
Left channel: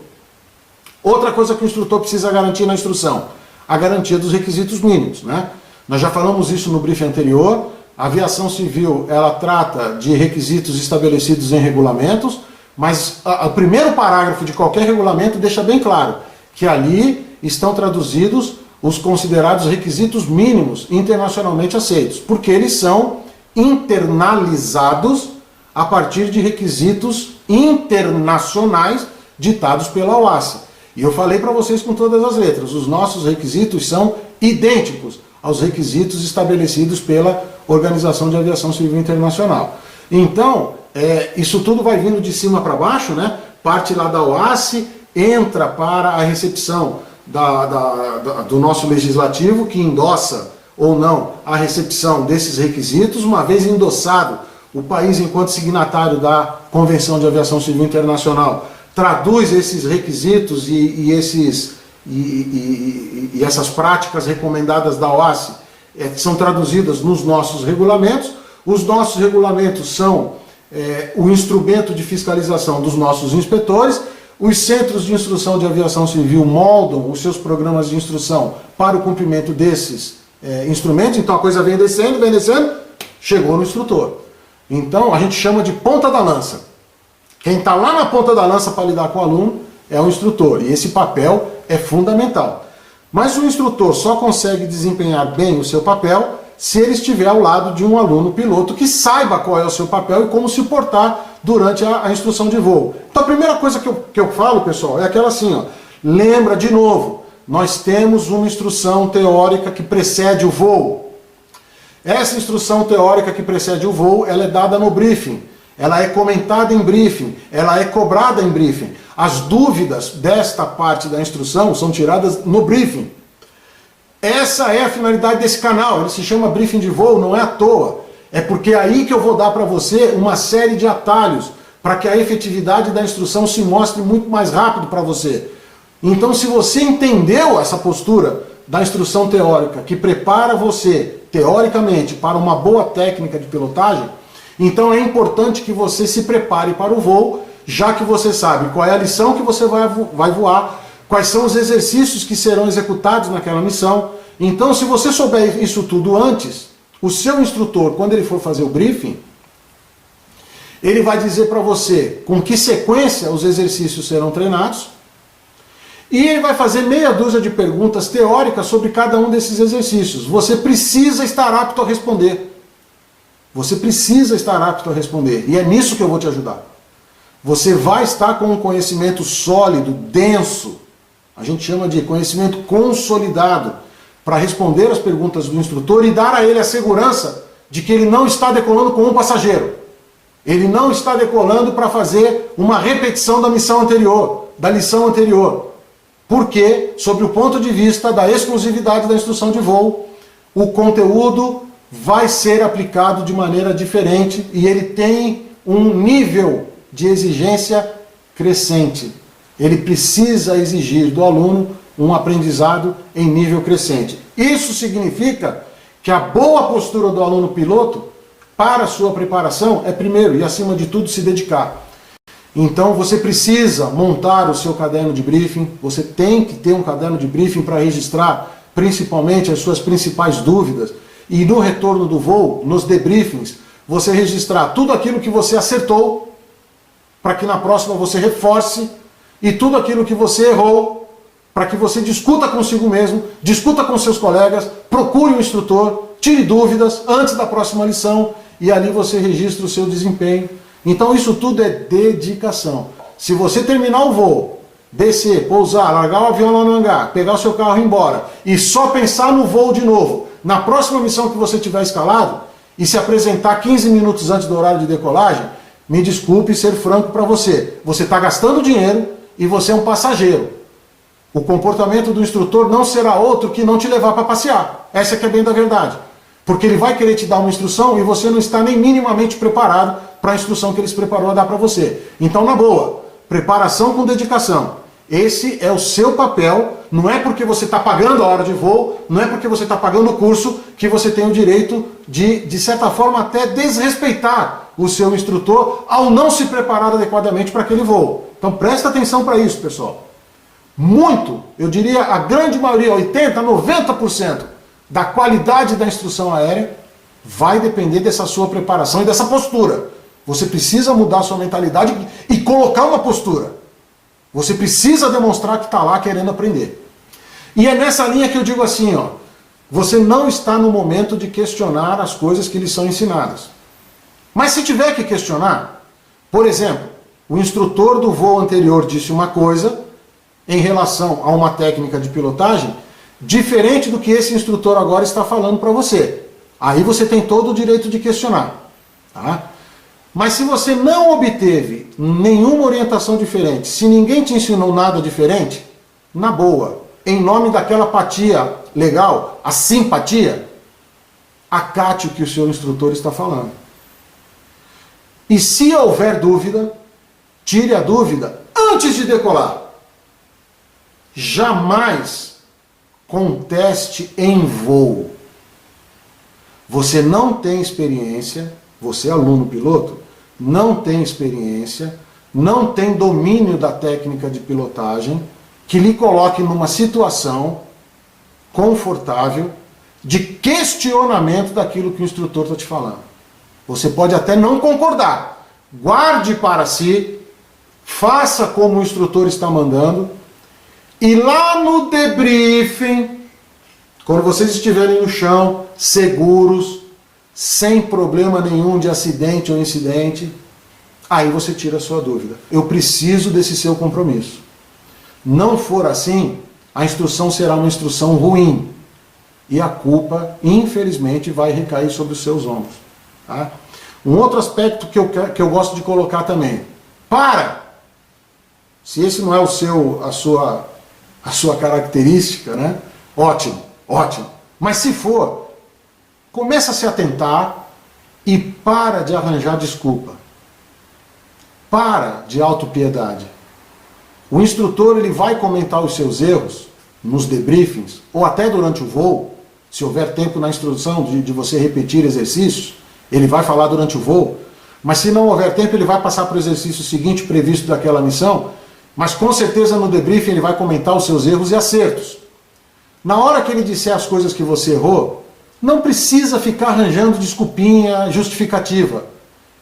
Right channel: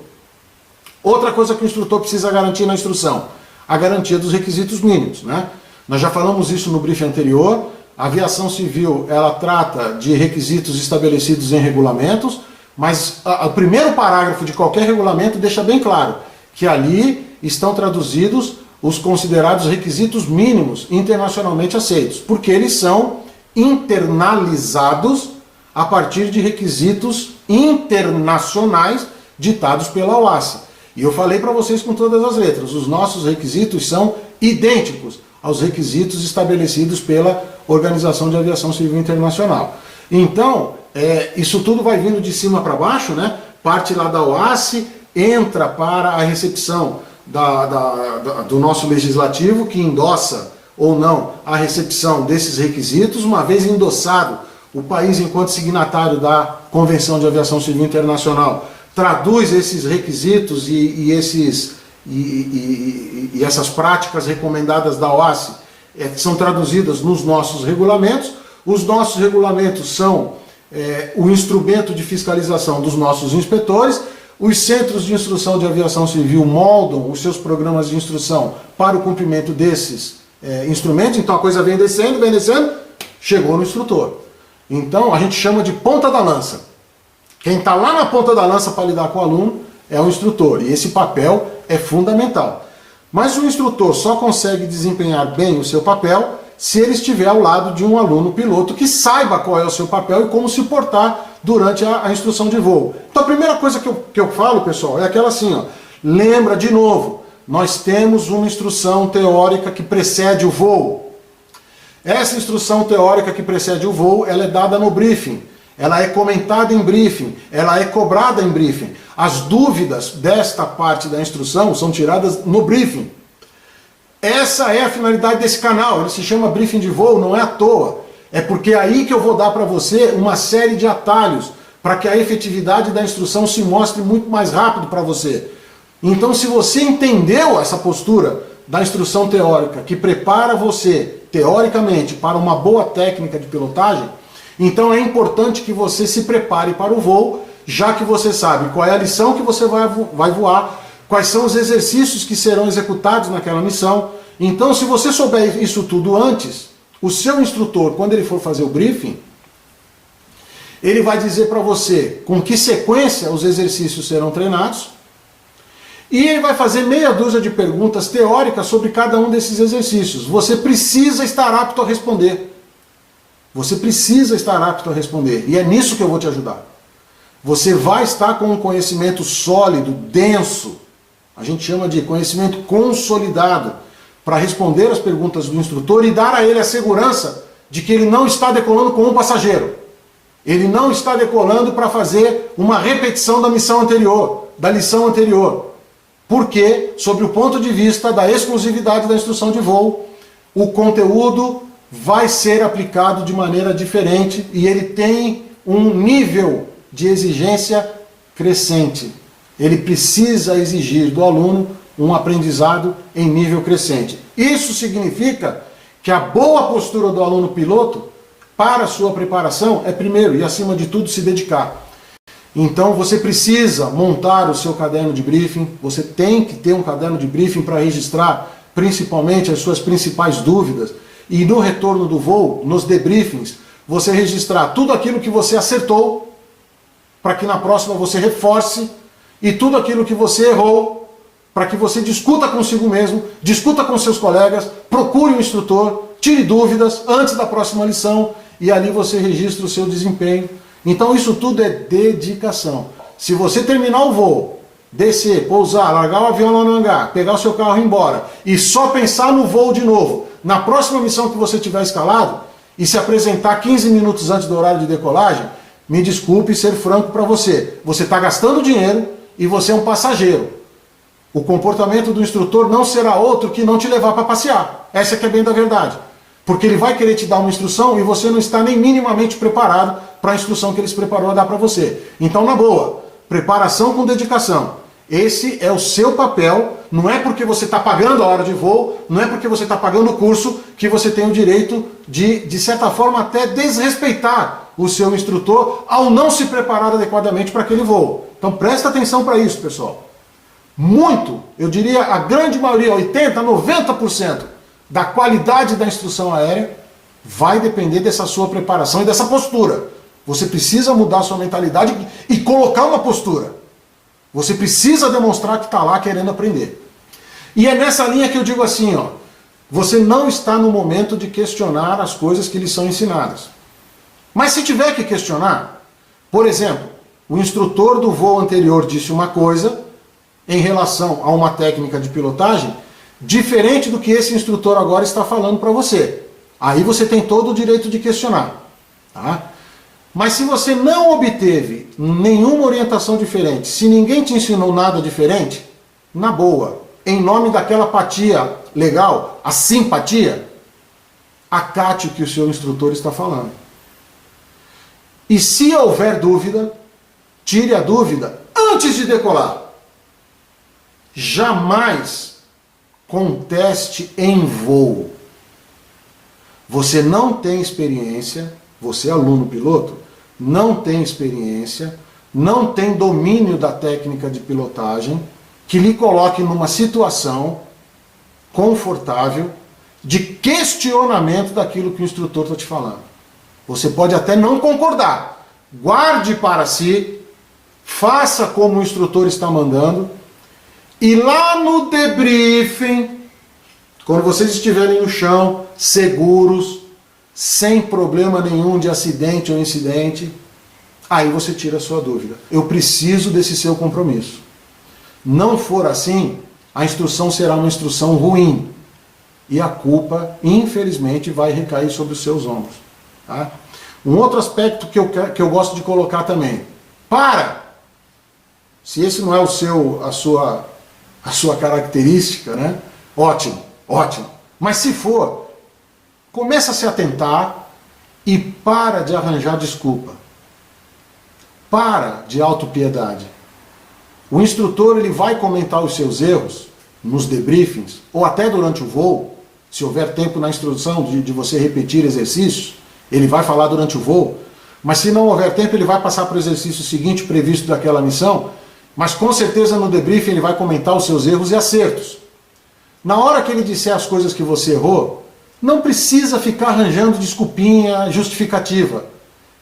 Outra coisa que o instrutor precisa garantir na instrução, a garantia dos requisitos mínimos, né? Nós já falamos isso no briefing anterior. A aviação civil, ela trata de requisitos estabelecidos em regulamentos, mas o primeiro parágrafo de qualquer regulamento deixa bem claro que ali estão traduzidos os considerados requisitos mínimos internacionalmente aceitos, porque eles são internalizados a partir de requisitos internacionais ditados pela OASI. E eu falei para vocês com todas as letras, os nossos requisitos são idênticos aos requisitos estabelecidos pela Organização de Aviação Civil Internacional. Então, isso tudo vai vindo de cima para baixo, né? Parte lá da OASI, entra para a recepção do nosso legislativo, que endossa ou não a recepção desses requisitos. Uma vez endossado, o país, enquanto signatário da Convenção de Aviação Civil Internacional, traduz esses requisitos e essas práticas recomendadas da OASI são traduzidas nos nossos regulamentos. Os nossos regulamentos são o instrumento de fiscalização dos nossos inspetores. Os centros de instrução de aviação civil moldam os seus programas de instrução para o cumprimento desses instrumentos. Então a coisa vem descendo, chegou no instrutor. Então a gente chama de ponta da lança. Quem está lá na ponta da lança para lidar com o aluno é o instrutor, e esse papel é fundamental. Mas o instrutor só consegue desempenhar bem o seu papel se ele estiver ao lado de um aluno piloto que saiba qual é o seu papel e como se portar durante a instrução de voo. Então a primeira coisa que eu falo, pessoal, é aquela assim, ó, lembra de novo, nós temos uma instrução teórica que precede o voo. Essa instrução teórica que precede o voo, ela é dada no briefing. Ela é comentada em briefing, ela é cobrada em briefing. As dúvidas desta parte da instrução são tiradas no briefing. Essa é a finalidade desse canal, ele se chama Briefing de Voo, não é à toa. É porque é aí que eu vou dar para você uma série de atalhos para que a efetividade da instrução se mostre muito mais rápido para você. Então, se você entendeu essa postura da instrução teórica, que prepara você, teoricamente, para uma boa técnica de pilotagem, então é importante que você se prepare para o voo, já que você sabe qual é a lição que você vai voar, quais são os exercícios que serão executados naquela missão. Então, se você souber isso tudo antes, o seu instrutor, quando ele for fazer o briefing, ele vai dizer para você com que sequência os exercícios serão treinados, e ele vai fazer meia dúzia de perguntas teóricas sobre cada um desses exercícios. Você precisa estar apto a responder. Você precisa estar apto a responder. E é nisso que eu vou te ajudar. Você vai estar com um conhecimento sólido, denso, a gente chama de conhecimento consolidado, para responder as perguntas do instrutor e dar a ele a segurança de que ele não está decolando com um passageiro. Ele não está decolando para fazer uma repetição da missão anterior, da lição anterior. Porque, sob o ponto de vista da exclusividade da instrução de voo, o conteúdo vai ser aplicado de maneira diferente e ele tem um nível de exigência crescente. Ele precisa exigir do aluno um aprendizado em nível crescente. Isso significa que a boa postura do aluno piloto para a sua preparação é, primeiro e acima de tudo, se dedicar. Então você precisa montar o seu caderno de briefing, você tem que ter um caderno de briefing para registrar principalmente as suas principais dúvidas, e no retorno do voo, nos debriefings, você registrar tudo aquilo que você acertou, para que na próxima você reforce, e tudo aquilo que você errou, para que você discuta consigo mesmo, discuta com seus colegas, procure um instrutor, tire dúvidas antes da próxima lição, e ali você registra o seu desempenho. Então isso tudo é dedicação. Se você terminar o voo, descer, pousar, largar o avião lá no hangar, pegar o seu carro e ir embora, e só pensar no voo de novo, na próxima missão que você tiver escalado, e se apresentar 15 minutos antes do horário de decolagem, me desculpe ser franco para você. Você está gastando dinheiro e você é um passageiro. O comportamento do instrutor não será outro que não te levar para passear. Essa que é bem da verdade. Porque ele vai querer te dar uma instrução e você não está nem minimamente preparado para a instrução que ele se preparou a dar para você. Então, na boa, preparação com dedicação. Esse é o seu papel, não é porque você está pagando a hora de voo, não é porque você está pagando o curso que você tem o direito de certa forma, até desrespeitar o seu instrutor ao não se preparar adequadamente para aquele voo. Então presta atenção para isso, pessoal. muito, eu diria a grande maioria, 80%, 90% da qualidade da instrução aérea vai depender dessa sua preparação e dessa postura. Você precisa mudar a sua mentalidade e colocar uma postura. Você precisa demonstrar que está lá querendo aprender. E é nessa linha que eu digo assim, ó, você não está no momento de questionar as coisas que lhe são ensinadas. Mas se tiver que questionar, por exemplo, o instrutor do voo anterior disse uma coisa em relação a uma técnica de pilotagem diferente do que esse instrutor agora está falando para você. Aí você tem todo o direito de questionar. Tá? Mas se você não obteve nenhuma orientação diferente, se ninguém te ensinou nada diferente, na boa, em nome daquela apatia legal, a simpatia, acate o que o seu instrutor está falando. E se houver dúvida, tire a dúvida antes de decolar. Jamais conteste em voo. Você não tem experiência, você aluno piloto, não tem experiência, não tem domínio da técnica de pilotagem que lhe coloque numa situação confortável de questionamento daquilo que o instrutor está te falando. Você pode até não concordar. Guarde para si, faça como o instrutor está mandando, e lá no debriefing, quando vocês estiverem no chão, seguros, sem problema nenhum de acidente ou incidente, aí você tira a sua dúvida. Eu preciso desse seu compromisso. Não for assim, a instrução será uma instrução ruim. E a culpa, infelizmente, vai recair sobre os seus ombros. Tá? Um outro aspecto que eu gosto de colocar também. Se esse não é a sua característica, né? Ótimo, ótimo. Mas se for, começa a se atentar e para de arranjar desculpa. Para de autopiedade. O instrutor ele vai comentar os seus erros nos debriefings, ou até durante o voo, se houver tempo na instrução de você repetir exercícios, ele vai falar durante o voo, mas se não houver tempo, ele vai passar para o exercício seguinte previsto daquela missão, mas com certeza no debriefing ele vai comentar os seus erros e acertos. Na hora que ele disser as coisas que você errou, não precisa ficar arranjando desculpinha, justificativa.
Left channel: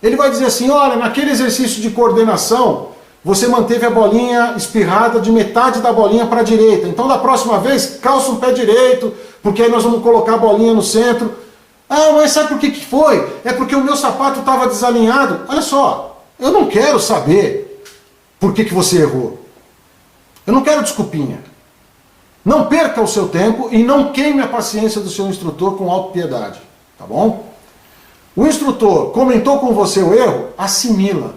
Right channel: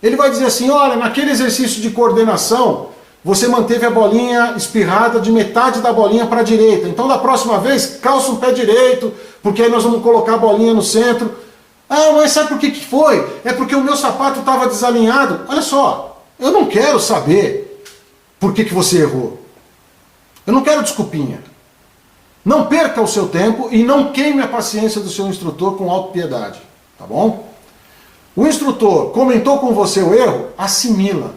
Ele vai dizer assim, olha, naquele exercício de coordenação, você manteve a bolinha espirrada de metade da bolinha para a direita. Então da próxima vez, calça um pé direito, porque aí nós vamos colocar a bolinha no centro. Ah, mas sabe por que foi? É porque o meu sapato estava desalinhado. Olha só, eu não quero saber por que você errou. Eu não quero desculpinha. Não perca o seu tempo e não queime a paciência do seu instrutor com autopiedade. Tá bom? O instrutor comentou com você o erro, assimila.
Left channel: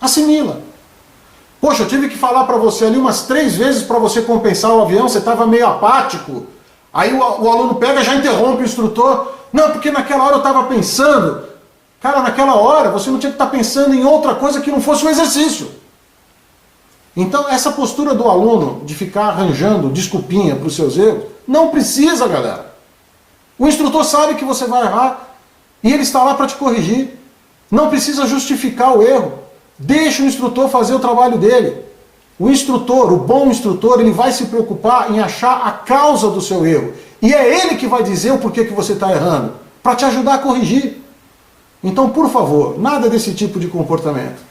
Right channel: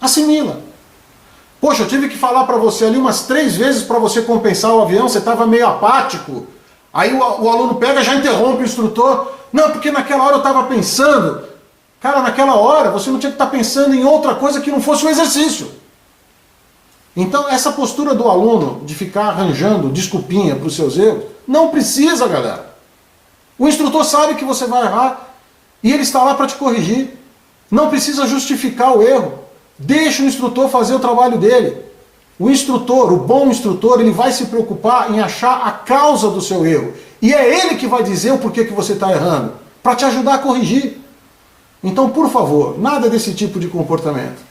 Assimila. Poxa, eu tive que falar para você ali umas 3 vezes para você compensar o avião, você estava meio apático. Aí o aluno pega e já interrompe o instrutor. Não, porque naquela hora eu estava pensando. Cara, naquela hora você não tinha que estar pensando em outra coisa que não fosse o exercício. Então essa postura do aluno de ficar arranjando desculpinha para os seus erros, não precisa, galera. O instrutor sabe que você vai errar e ele está lá para te corrigir. Não precisa justificar o erro. Deixa o instrutor fazer o trabalho dele. O instrutor, o bom instrutor, ele vai se preocupar em achar a causa do seu erro. E é ele que vai dizer o porquê que você está errando, para te ajudar a corrigir. Então, por favor, nada desse tipo de comportamento.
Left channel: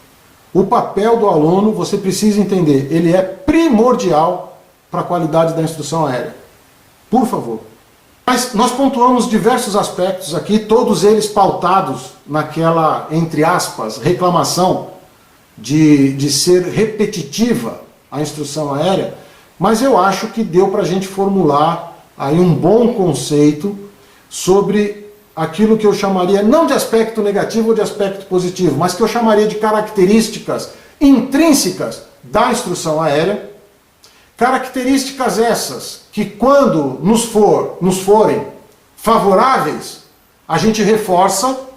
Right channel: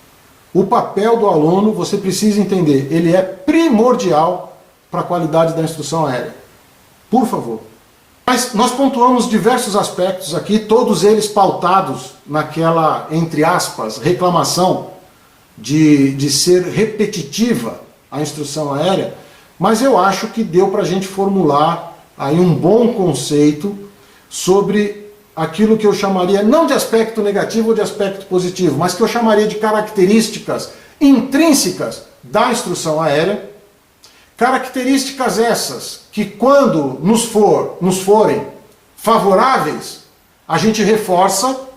O papel do aluno, você precisa entender, ele é primordial para a qualidade da instrução aérea. Por favor. Mas nós pontuamos diversos aspectos aqui, todos eles pautados naquela, entre aspas, reclamação de ser repetitiva a instrução aérea, mas eu acho que deu para a gente formular aí um bom conceito sobre aquilo que eu chamaria, não de aspecto negativo ou de aspecto positivo, mas que eu chamaria de características intrínsecas da instrução aérea, características essas que quando nos forem favoráveis, a gente reforça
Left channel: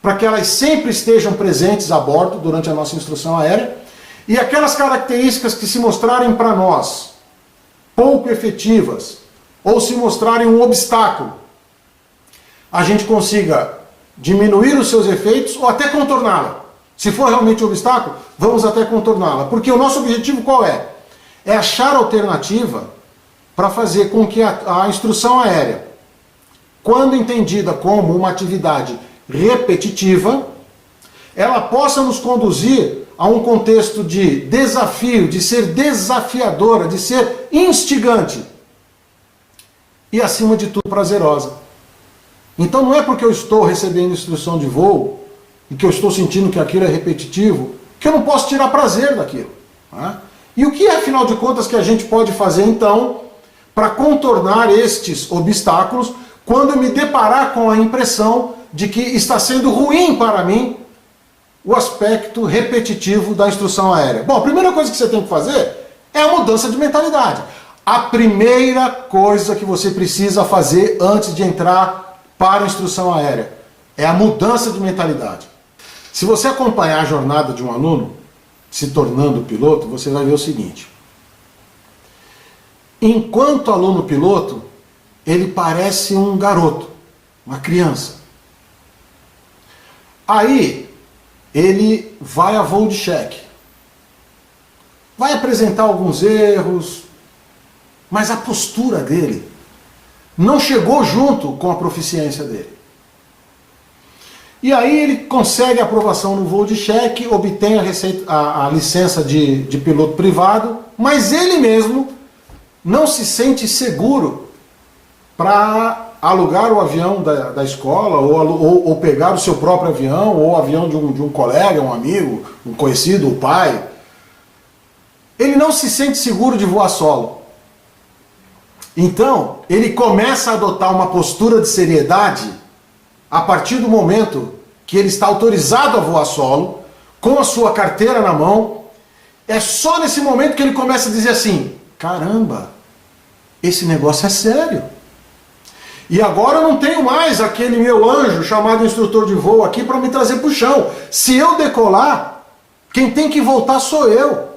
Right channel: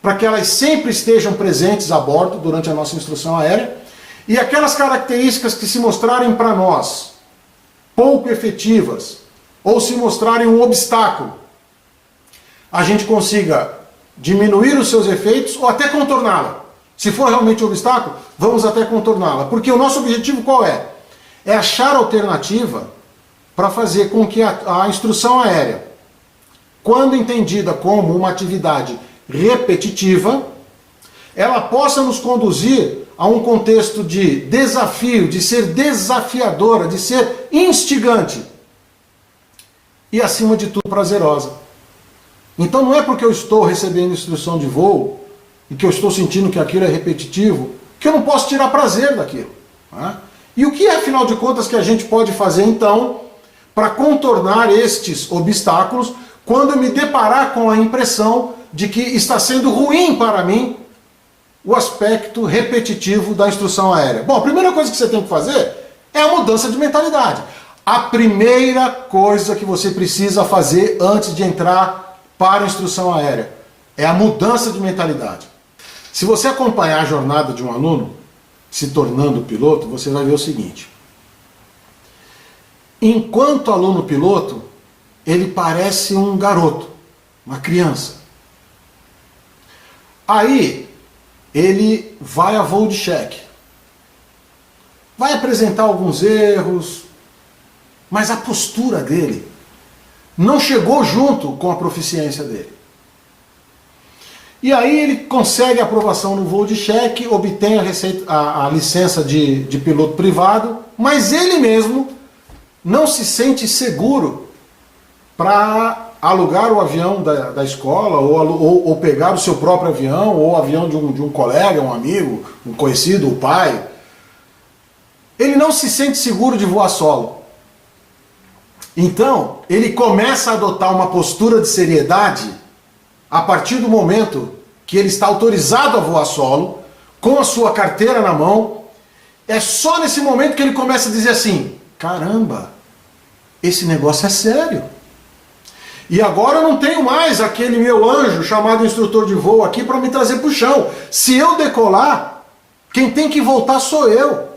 para que elas sempre estejam presentes a bordo durante a nossa instrução aérea, e aquelas características que se mostrarem para nós pouco efetivas, ou se mostrarem um obstáculo, a gente consiga diminuir os seus efeitos ou até contorná-la. Se for realmente um obstáculo, vamos até contorná-la. Porque o nosso objetivo qual é? é achar alternativa para fazer com que a instrução aérea, quando entendida como uma atividade repetitiva, ela possa nos conduzir a um contexto de desafio, de ser desafiadora, de ser instigante e, acima de tudo, prazerosa. Então não é porque eu estou recebendo instrução de voo e que eu estou sentindo que aquilo é repetitivo que eu não posso tirar prazer daquilo. Né? E o que é, afinal de contas, que a gente pode fazer, então, para contornar estes obstáculos quando eu me deparar com a impressão de que está sendo ruim para mim o aspecto repetitivo da instrução aérea? Bom, a primeira coisa que você tem que fazer é a mudança de mentalidade. A primeira coisa que você precisa fazer antes de entrar para a instrução aérea é a mudança de mentalidade. Se você acompanhar a jornada de um aluno se tornando piloto, você vai ver o seguinte. Enquanto aluno piloto, ele parece um garoto, uma criança. Aí, ele vai a voo de cheque. Vai apresentar alguns erros, mas a postura dele não chegou junto com a proficiência dele. E aí ele consegue a aprovação no voo de cheque, obtém a licença de piloto privado, mas ele mesmo não se sente seguro para alugar o avião da escola, ou pegar o seu próprio avião, ou o avião de um colega, um amigo, um conhecido, o pai. Ele não se sente seguro de voar solo. Então, ele começa a adotar uma postura de seriedade a partir do momento que ele está autorizado a voar solo, com a sua carteira na mão. É só nesse momento que ele começa a dizer assim: caramba, esse negócio é sério. E agora eu não tenho mais aquele meu anjo chamado instrutor de voo aqui para me trazer para o chão. Se eu decolar, quem tem que voltar sou eu.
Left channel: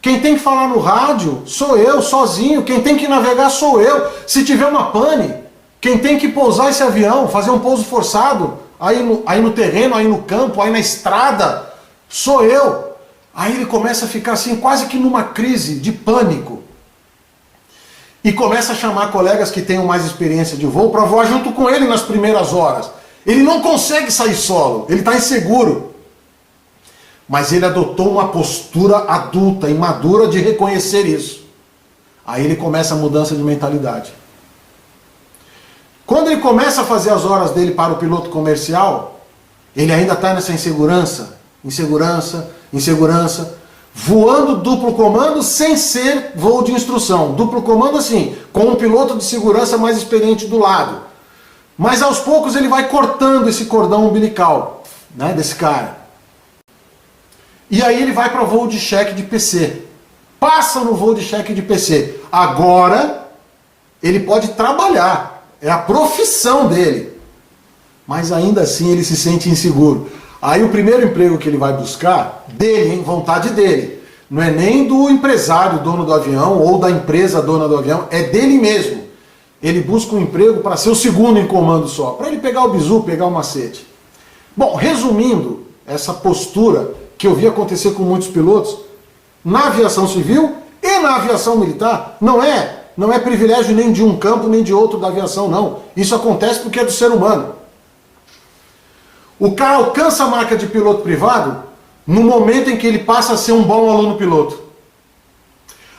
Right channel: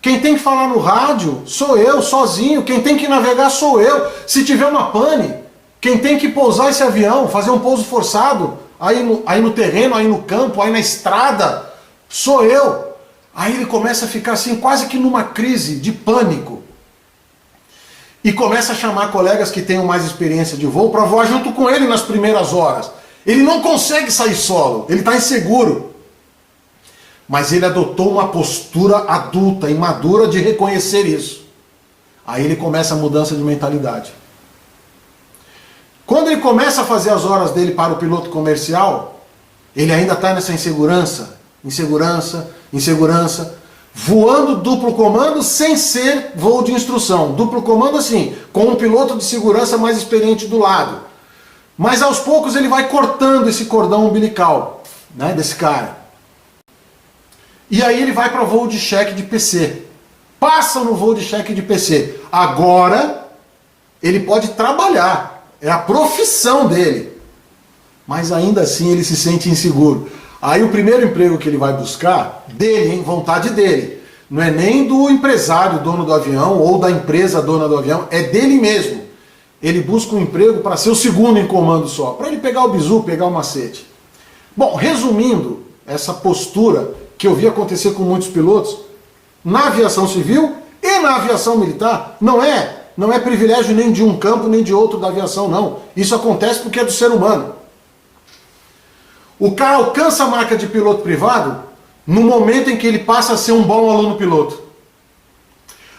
Quem tem que falar no rádio sou eu, sozinho. Quem tem que navegar sou eu. Se tiver uma pane, quem tem que pousar esse avião, fazer um pouso forçado, aí no terreno, aí no campo, aí na estrada, sou eu. Aí ele começa a ficar assim, quase que numa crise de pânico. E começa a chamar colegas que tenham mais experiência de voo para voar junto com ele nas primeiras horas. Ele não consegue sair solo, ele está inseguro. Mas ele adotou uma postura adulta e madura de reconhecer isso. Aí ele começa a mudança de mentalidade. Quando ele começa a fazer as horas dele para o piloto comercial, ele ainda está nessa insegurança, voando duplo comando sem ser voo de instrução. Duplo comando assim, com um piloto de segurança mais experiente do lado. Mas aos poucos ele vai cortando esse cordão umbilical, né, desse cara. E aí ele vai para voo de cheque de PC. Passa no voo de cheque de PC. Agora ele pode trabalhar. É a profissão dele. Mas ainda assim ele se sente inseguro. Aí o primeiro emprego que ele vai buscar, dele, hein, vontade dele. Não é nem do empresário, dono do avião, ou da empresa dona do avião, é dele mesmo. Ele busca um emprego para ser o segundo em comando só, para ele pegar o bizu, pegar o macete. Bom, resumindo essa postura que eu vi acontecer com muitos pilotos, na aviação civil e na aviação militar, não é privilégio nem de um campo nem de outro da aviação, não. Isso acontece porque é do ser humano. O cara alcança a marca de piloto privado no momento em que ele passa a ser um bom aluno piloto.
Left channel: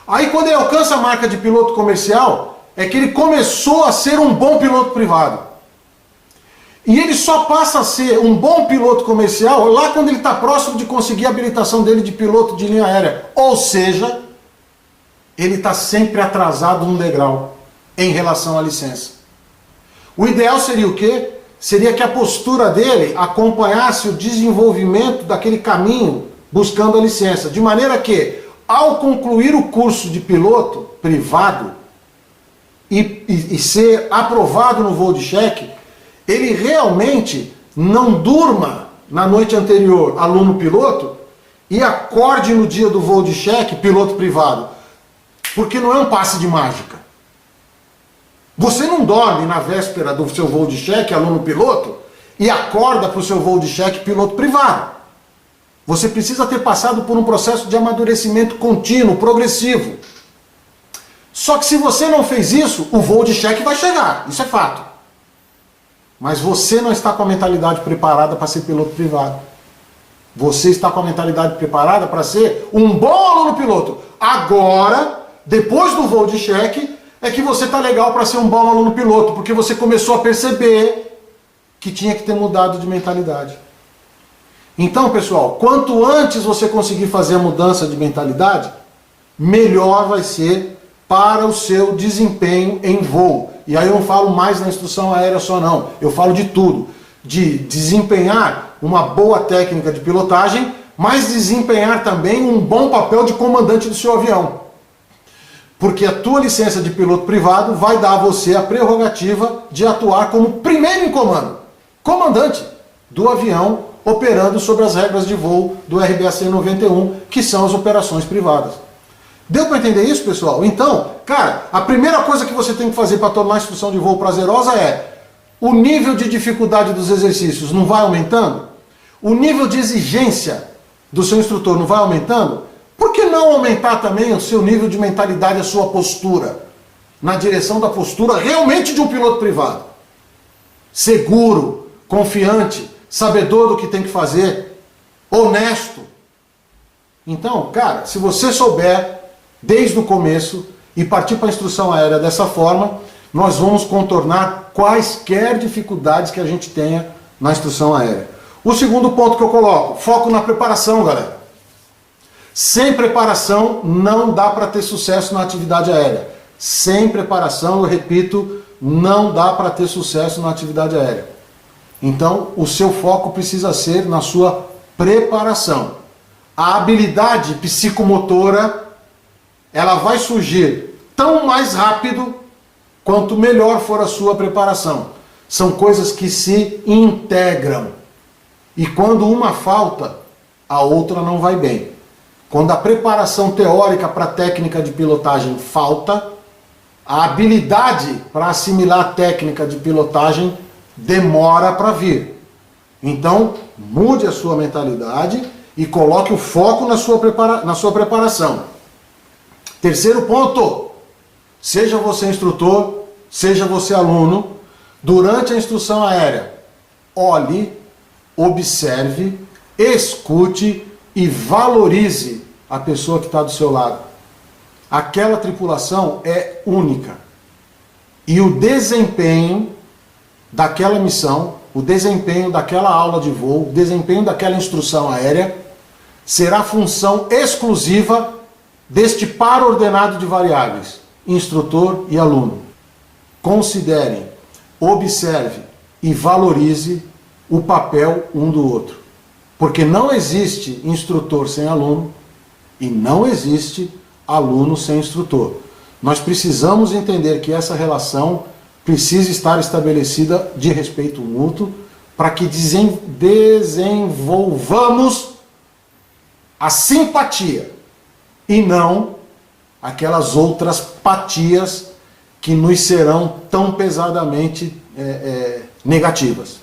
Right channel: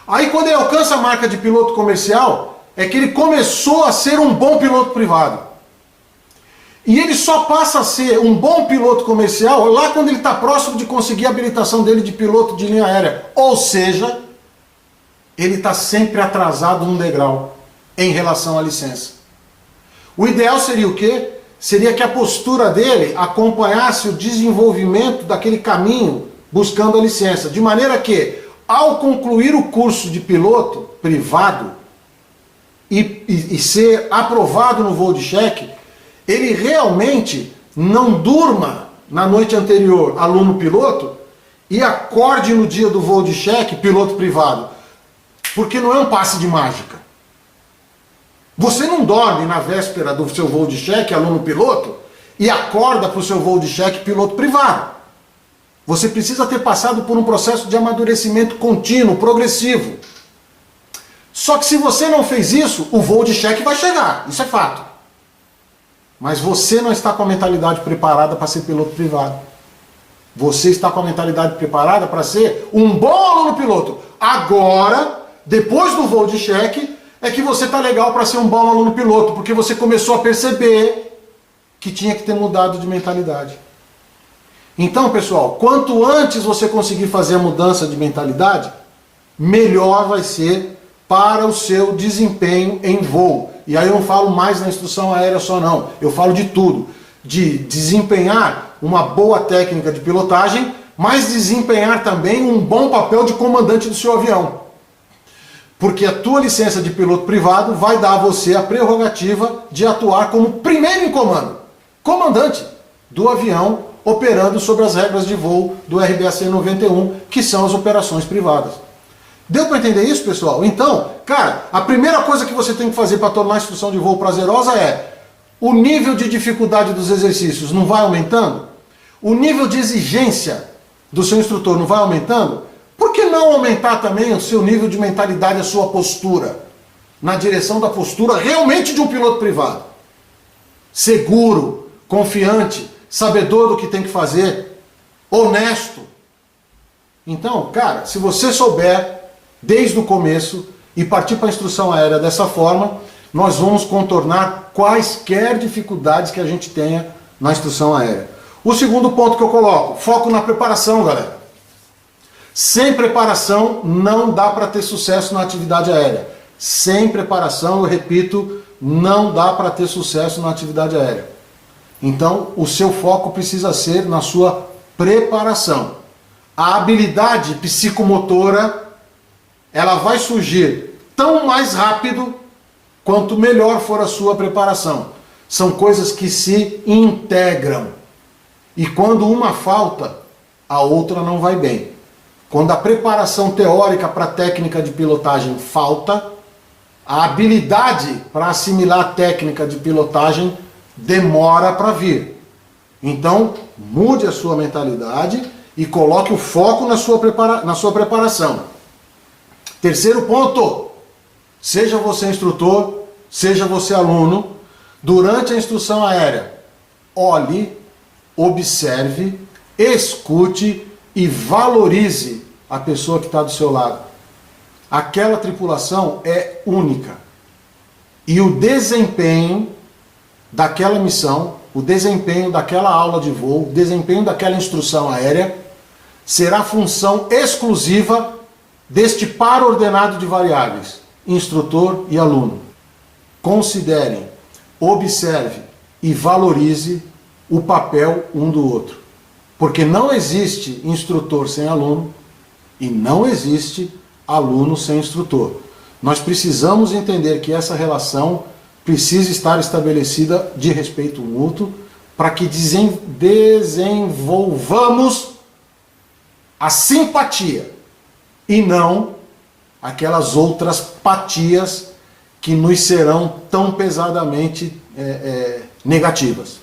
Aí quando ele alcança a marca de piloto comercial, é que ele começou a ser um bom piloto privado. E ele só passa a ser um bom piloto comercial lá quando ele está próximo de conseguir a habilitação dele de piloto de linha aérea. Ou seja, ele está sempre atrasado um degrau em relação à licença. O ideal seria o quê? Seria que a postura dele acompanhasse o desenvolvimento daquele caminho buscando a licença. De maneira que, ao concluir o curso de piloto privado e ser aprovado no voo de cheque, ele realmente não durma na noite anterior, aluno piloto, e acorde no dia do voo de cheque, piloto privado. Porque não é um passe de mágica. Você não dorme na véspera do seu voo de cheque, aluno piloto, e acorda para o seu voo de cheque, piloto privado. Você precisa ter passado por um processo de amadurecimento contínuo, progressivo. Só que se você não fez isso, o voo de cheque vai chegar, isso é fato. Mas você não está com a mentalidade preparada para ser piloto privado. Você está com a mentalidade preparada para ser um bom aluno piloto. Agora, depois do voo de cheque, é que você está legal para ser um bom aluno piloto, porque você começou a perceber que tinha que ter mudado de mentalidade. Então, pessoal, quanto antes você conseguir fazer a mudança de mentalidade, melhor vai ser para o seu desempenho em voo. E aí eu não falo mais na instrução aérea só não, eu falo de tudo. De desempenhar uma boa técnica de pilotagem, mas desempenhar também um bom papel de comandante do seu avião. Porque a tua licença de piloto privado vai dar a você a prerrogativa de atuar como primeiro em comando, comandante do avião, operando sobre as regras de voo do RBAC 91, que são as operações privadas. Deu para entender isso, pessoal? Então, cara, a primeira coisa que você tem que fazer para tornar a instrução de voo prazerosa é: o nível de dificuldade dos exercícios não vai aumentando? O nível de exigência do seu instrutor não vai aumentando? Por que não aumentar também o seu nível de mentalidade, a sua postura? Na direção da postura realmente de um piloto privado. Seguro, confiante, sabedor do que tem que fazer, honesto. Então, cara, se você souber desde o começo e partir para a instrução aérea dessa forma, nós vamos contornar quaisquer dificuldades que a gente tenha na instrução aérea. O segundo ponto que eu coloco, foco na preparação, galera. Sem preparação não dá para ter sucesso na atividade aérea. Sem preparação, eu repito, não dá para ter sucesso na atividade aérea. Então, o seu foco precisa ser na sua preparação. A habilidade psicomotora, ela vai surgir tão mais rápido quanto melhor for a sua preparação. São coisas que se integram. E quando uma falta, a outra não vai bem. Quando a preparação teórica para a técnica de pilotagem falta, a habilidade para assimilar a técnica de pilotagem demora para vir. Então, mude a sua mentalidade e coloque o foco na sua preparação. Terceiro ponto, seja você instrutor, seja você aluno, durante a instrução aérea, olhe, observe, escute e valorize a pessoa que está do seu lado. Aquela tripulação é única. E o desempenho daquela missão, o desempenho daquela aula de voo, o desempenho daquela instrução aérea, será função exclusiva deste par ordenado de variáveis, instrutor e aluno. Considerem, observe e valorize o papel um do outro. Porque não existe instrutor sem aluno e não existe aluno sem instrutor. Nós precisamos entender que essa relação precisa estar estabelecida de respeito mútuo para que desenvolvamos a simpatia e não aquelas outras patias que nos serão tão pesadamente negativas.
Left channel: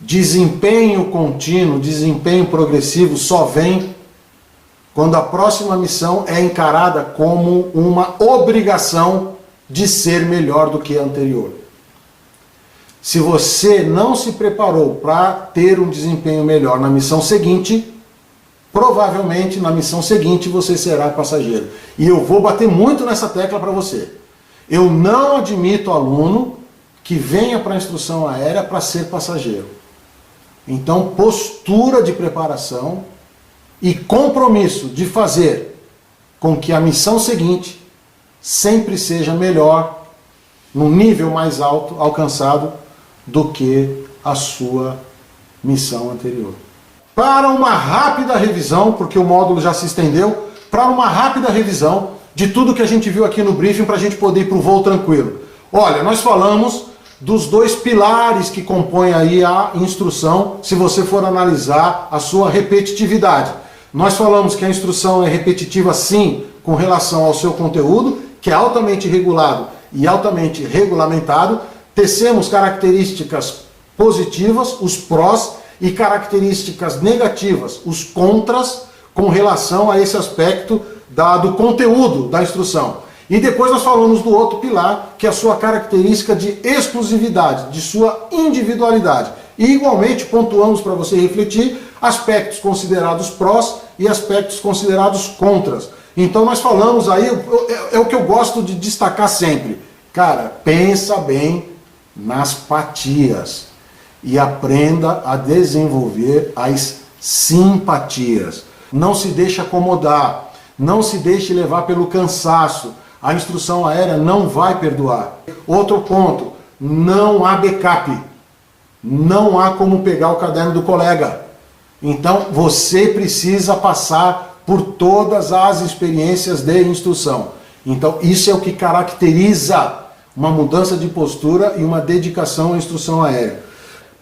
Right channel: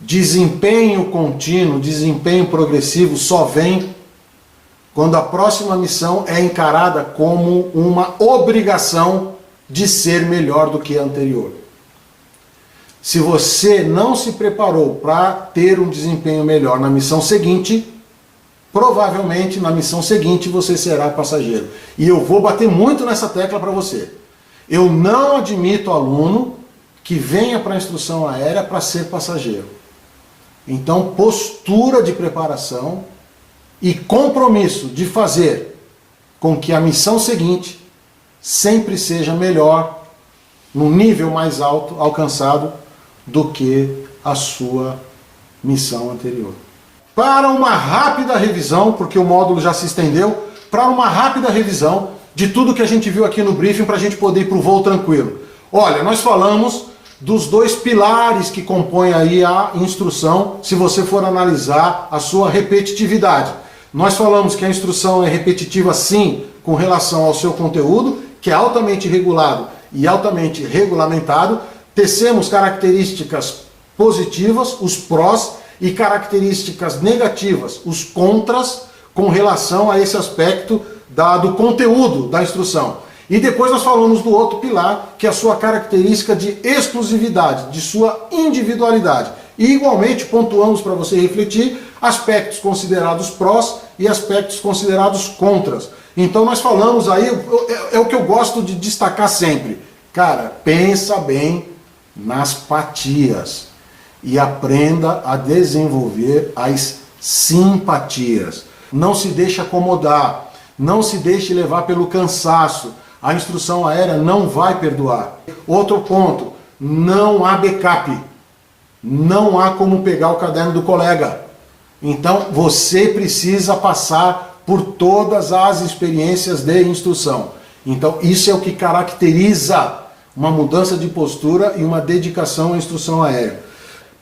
Desempenho contínuo, desempenho progressivo só vem quando a próxima missão é encarada como uma obrigação de ser melhor do que a anterior. Se você não se preparou para ter um desempenho melhor na missão seguinte, provavelmente na missão seguinte você será passageiro. E eu vou bater muito nessa tecla para você. Eu não admito aluno que venha para a instrução aérea para ser passageiro. Então, postura de preparação e compromisso de fazer com que a missão seguinte sempre seja melhor, num nível mais alto, alcançado, do que a sua missão anterior. Para uma rápida revisão, porque o módulo já se estendeu, para uma rápida revisão de tudo que a gente viu aqui no briefing para a gente poder ir para o voo tranquilo. Olha, nós falamos dos dois pilares que compõem aí a instrução, se você for analisar a sua repetitividade. Nós falamos que a instrução é repetitiva sim, com relação ao seu conteúdo, que é altamente regulado e altamente regulamentado. Tecemos características positivas, os prós, e características negativas, os contras, com relação a esse aspecto do conteúdo da instrução. E depois nós falamos do outro pilar, que é a sua característica de exclusividade, de sua individualidade. E igualmente pontuamos para você refletir aspectos considerados prós e aspectos considerados contras. Então nós falamos aí, é o que eu gosto de destacar sempre. Cara, pensa bem nas apatias e aprenda a desenvolver as simpatias. Não se deixe acomodar, não se deixe levar pelo cansaço. A instrução aérea não vai perdoar. Outro ponto, não há backup. Não há como pegar o caderno do colega. Então você precisa passar por todas as experiências de instrução. Então isso é o que caracteriza uma mudança de postura e uma dedicação à instrução aérea.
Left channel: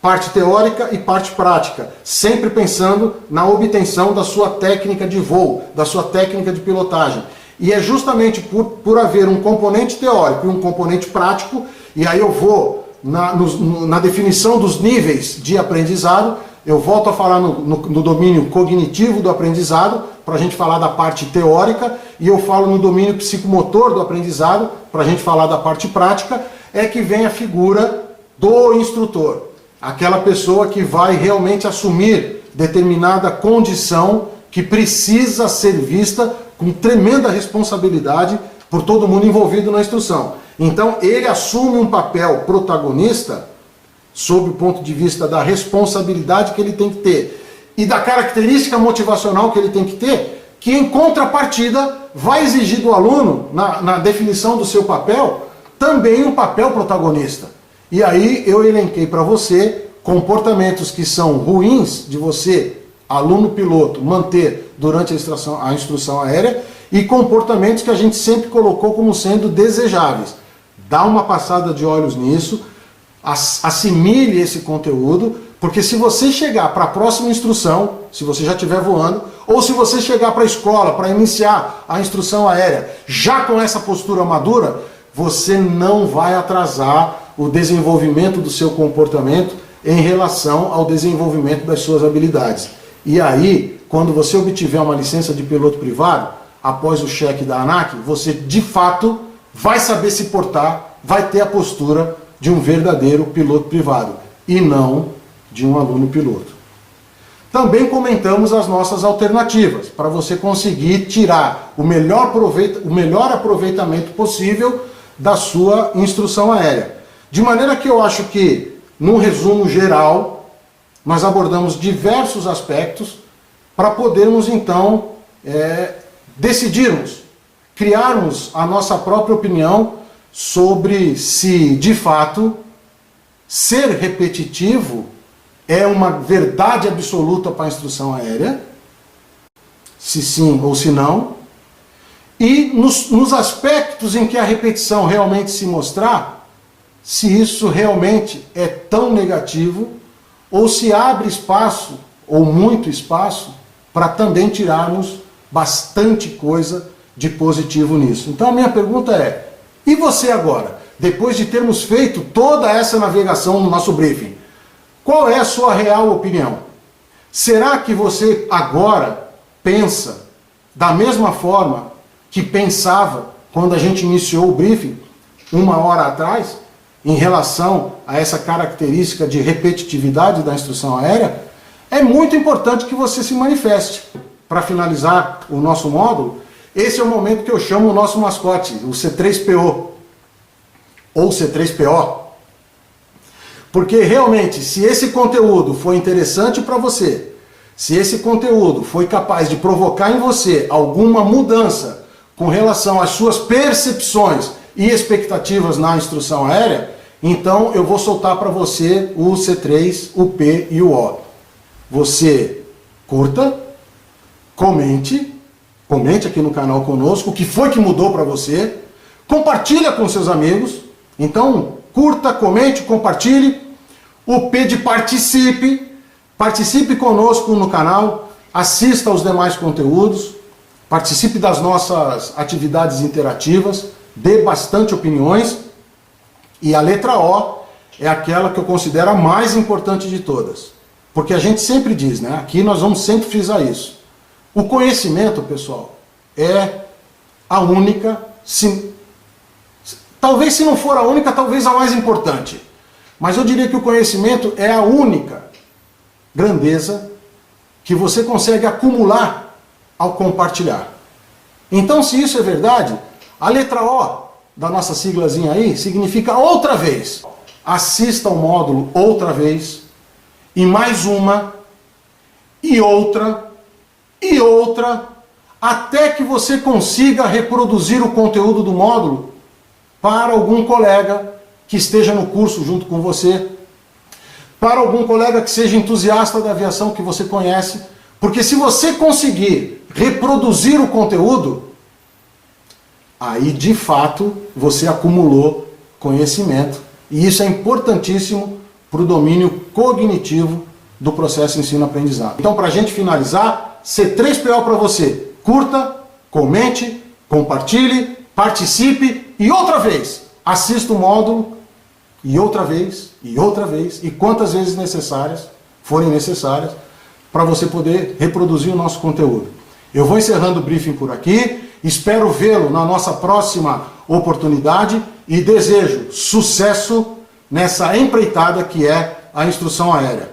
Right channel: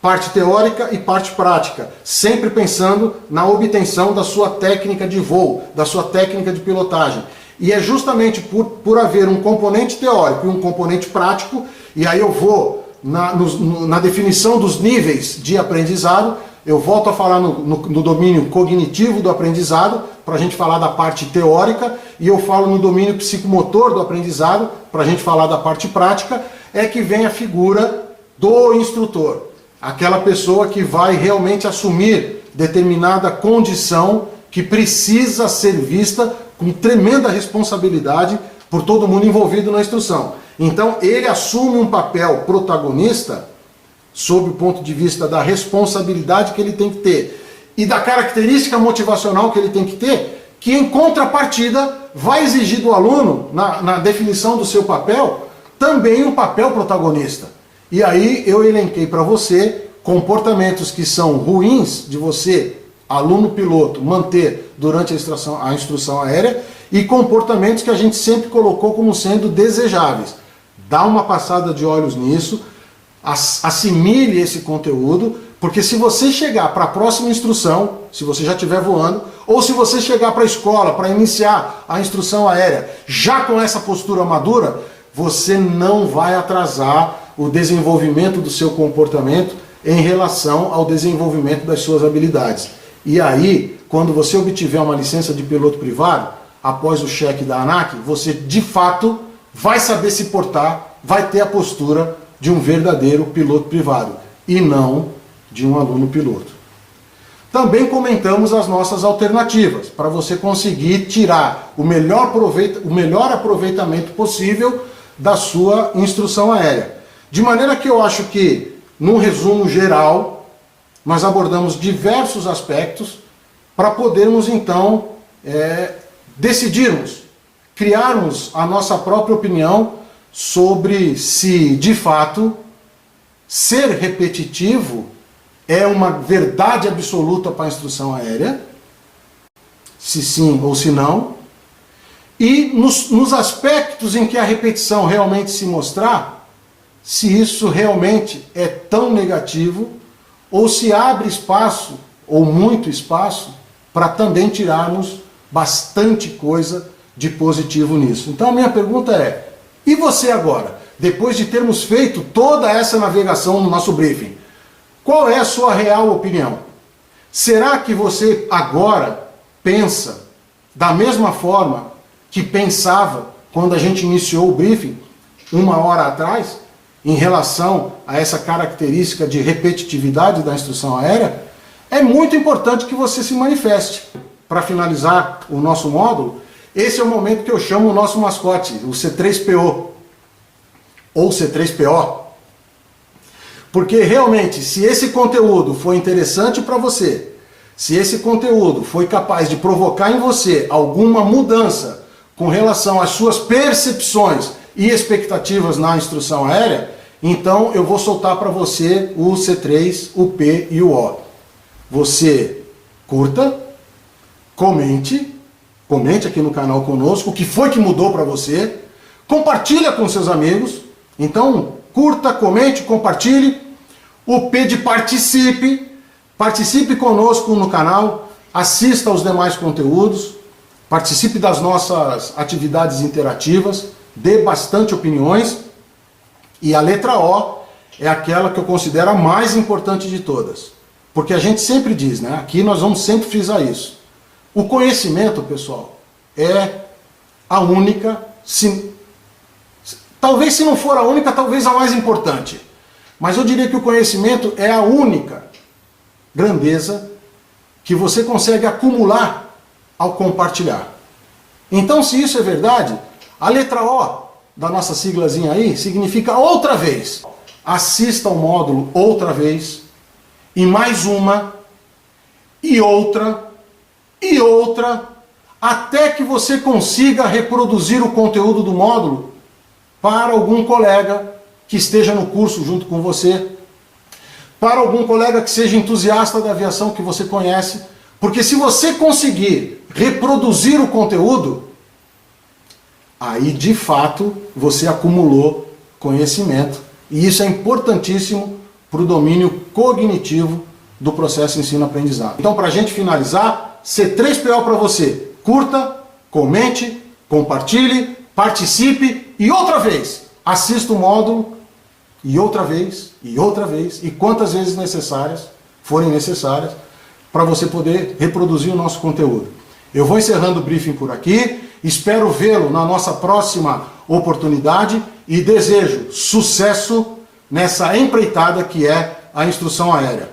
Parte teórica e parte prática, sempre pensando na obtenção da sua técnica de voo, da sua técnica de pilotagem. E é justamente por haver um componente teórico e um componente prático, e aí eu vou na definição dos níveis de aprendizado, eu volto a falar no domínio cognitivo do aprendizado, para a gente falar da parte teórica, e eu falo no domínio psicomotor do aprendizado, para a gente falar da parte prática, é que vem a figura do instrutor. Aquela pessoa que vai realmente assumir determinada condição que precisa ser vista com tremenda responsabilidade por todo mundo envolvido na instrução. Então ele assume um papel protagonista sob o ponto de vista da responsabilidade que ele tem que ter e da característica motivacional que ele tem que ter, que em contrapartida vai exigir do aluno, na definição do seu papel, também um papel protagonista. E aí eu elenquei para você comportamentos que são ruins de você, aluno piloto, manter durante a instrução aérea e comportamentos que a gente sempre colocou como sendo desejáveis. Dá uma passada de olhos nisso, assimile esse conteúdo, porque se você chegar para a próxima instrução, se você já estiver voando, ou se você chegar para a escola para iniciar a instrução aérea já com essa postura madura, você não vai atrasar o desenvolvimento do seu comportamento em relação ao desenvolvimento das suas habilidades. E aí, quando você obtiver uma licença de piloto privado, após o cheque da ANAC, você de fato vai saber se portar, vai ter a postura de um verdadeiro piloto privado e não de um aluno piloto. Também comentamos as nossas alternativas para você conseguir tirar o melhor aproveitamento possível da sua instrução aérea. De maneira que eu acho que, num resumo geral, nós abordamos diversos aspectos para podermos então decidirmos, criarmos a nossa própria opinião sobre se, de fato, ser repetitivo é uma verdade absoluta para a instrução aérea, se sim ou se não, e nos aspectos em que a repetição realmente se mostrar, se isso realmente é tão negativo, ou se abre espaço, ou muito espaço, para também tirarmos bastante coisa de positivo nisso. Então a minha pergunta é, e você agora? Depois de termos feito toda essa navegação no nosso briefing, qual é a sua real opinião? Será que você agora pensa da mesma forma que pensava quando a gente iniciou o briefing, 1 hora atrás, em relação a essa característica de repetitividade da instrução aérea? É muito importante que você se manifeste. Para finalizar o nosso módulo, esse é o momento que eu chamo o nosso mascote, o C3PO, ou C3PO. Porque realmente, se esse conteúdo foi interessante para você, se esse conteúdo foi capaz de provocar em você alguma mudança com relação às suas percepções e expectativas na instrução aérea, então eu vou soltar para você o C3, o P e o O. Você curta, comente aqui no canal conosco o que foi que mudou para você, compartilha com seus amigos, então curta, comente, compartilhe. O P de participe conosco no canal, assista aos demais conteúdos, participe das nossas atividades interativas, dê bastante opiniões. E a letra O é aquela que eu considero a mais importante de todas. Porque a gente sempre diz, né? Aqui nós vamos sempre frisar isso. O conhecimento, pessoal, é a única, Talvez, se não for a única, talvez a mais importante. Mas eu diria que o conhecimento é a única grandeza que você consegue acumular ao compartilhar. Então, se isso é verdade, a letra O da nossa siglazinha aí significa outra vez. Assista ao módulo outra vez, e mais uma, e outra, até que você consiga reproduzir o conteúdo do módulo para algum colega que esteja no curso junto com você, para algum colega que seja entusiasta da aviação que você conhece, porque se você conseguir reproduzir o conteúdo, aí de fato você acumulou conhecimento, e isso é importantíssimo para o domínio cognitivo do processo ensino-aprendizado. Então, para a gente finalizar, C3PO para você: curta, comente, compartilhe, participe e outra vez, assista o módulo e outra vez, e quantas vezes forem necessárias, para você poder reproduzir o nosso conteúdo. Eu vou encerrando o briefing por aqui, espero vê-lo na nossa próxima oportunidade e desejo sucesso nessa empreitada que é a instrução aérea.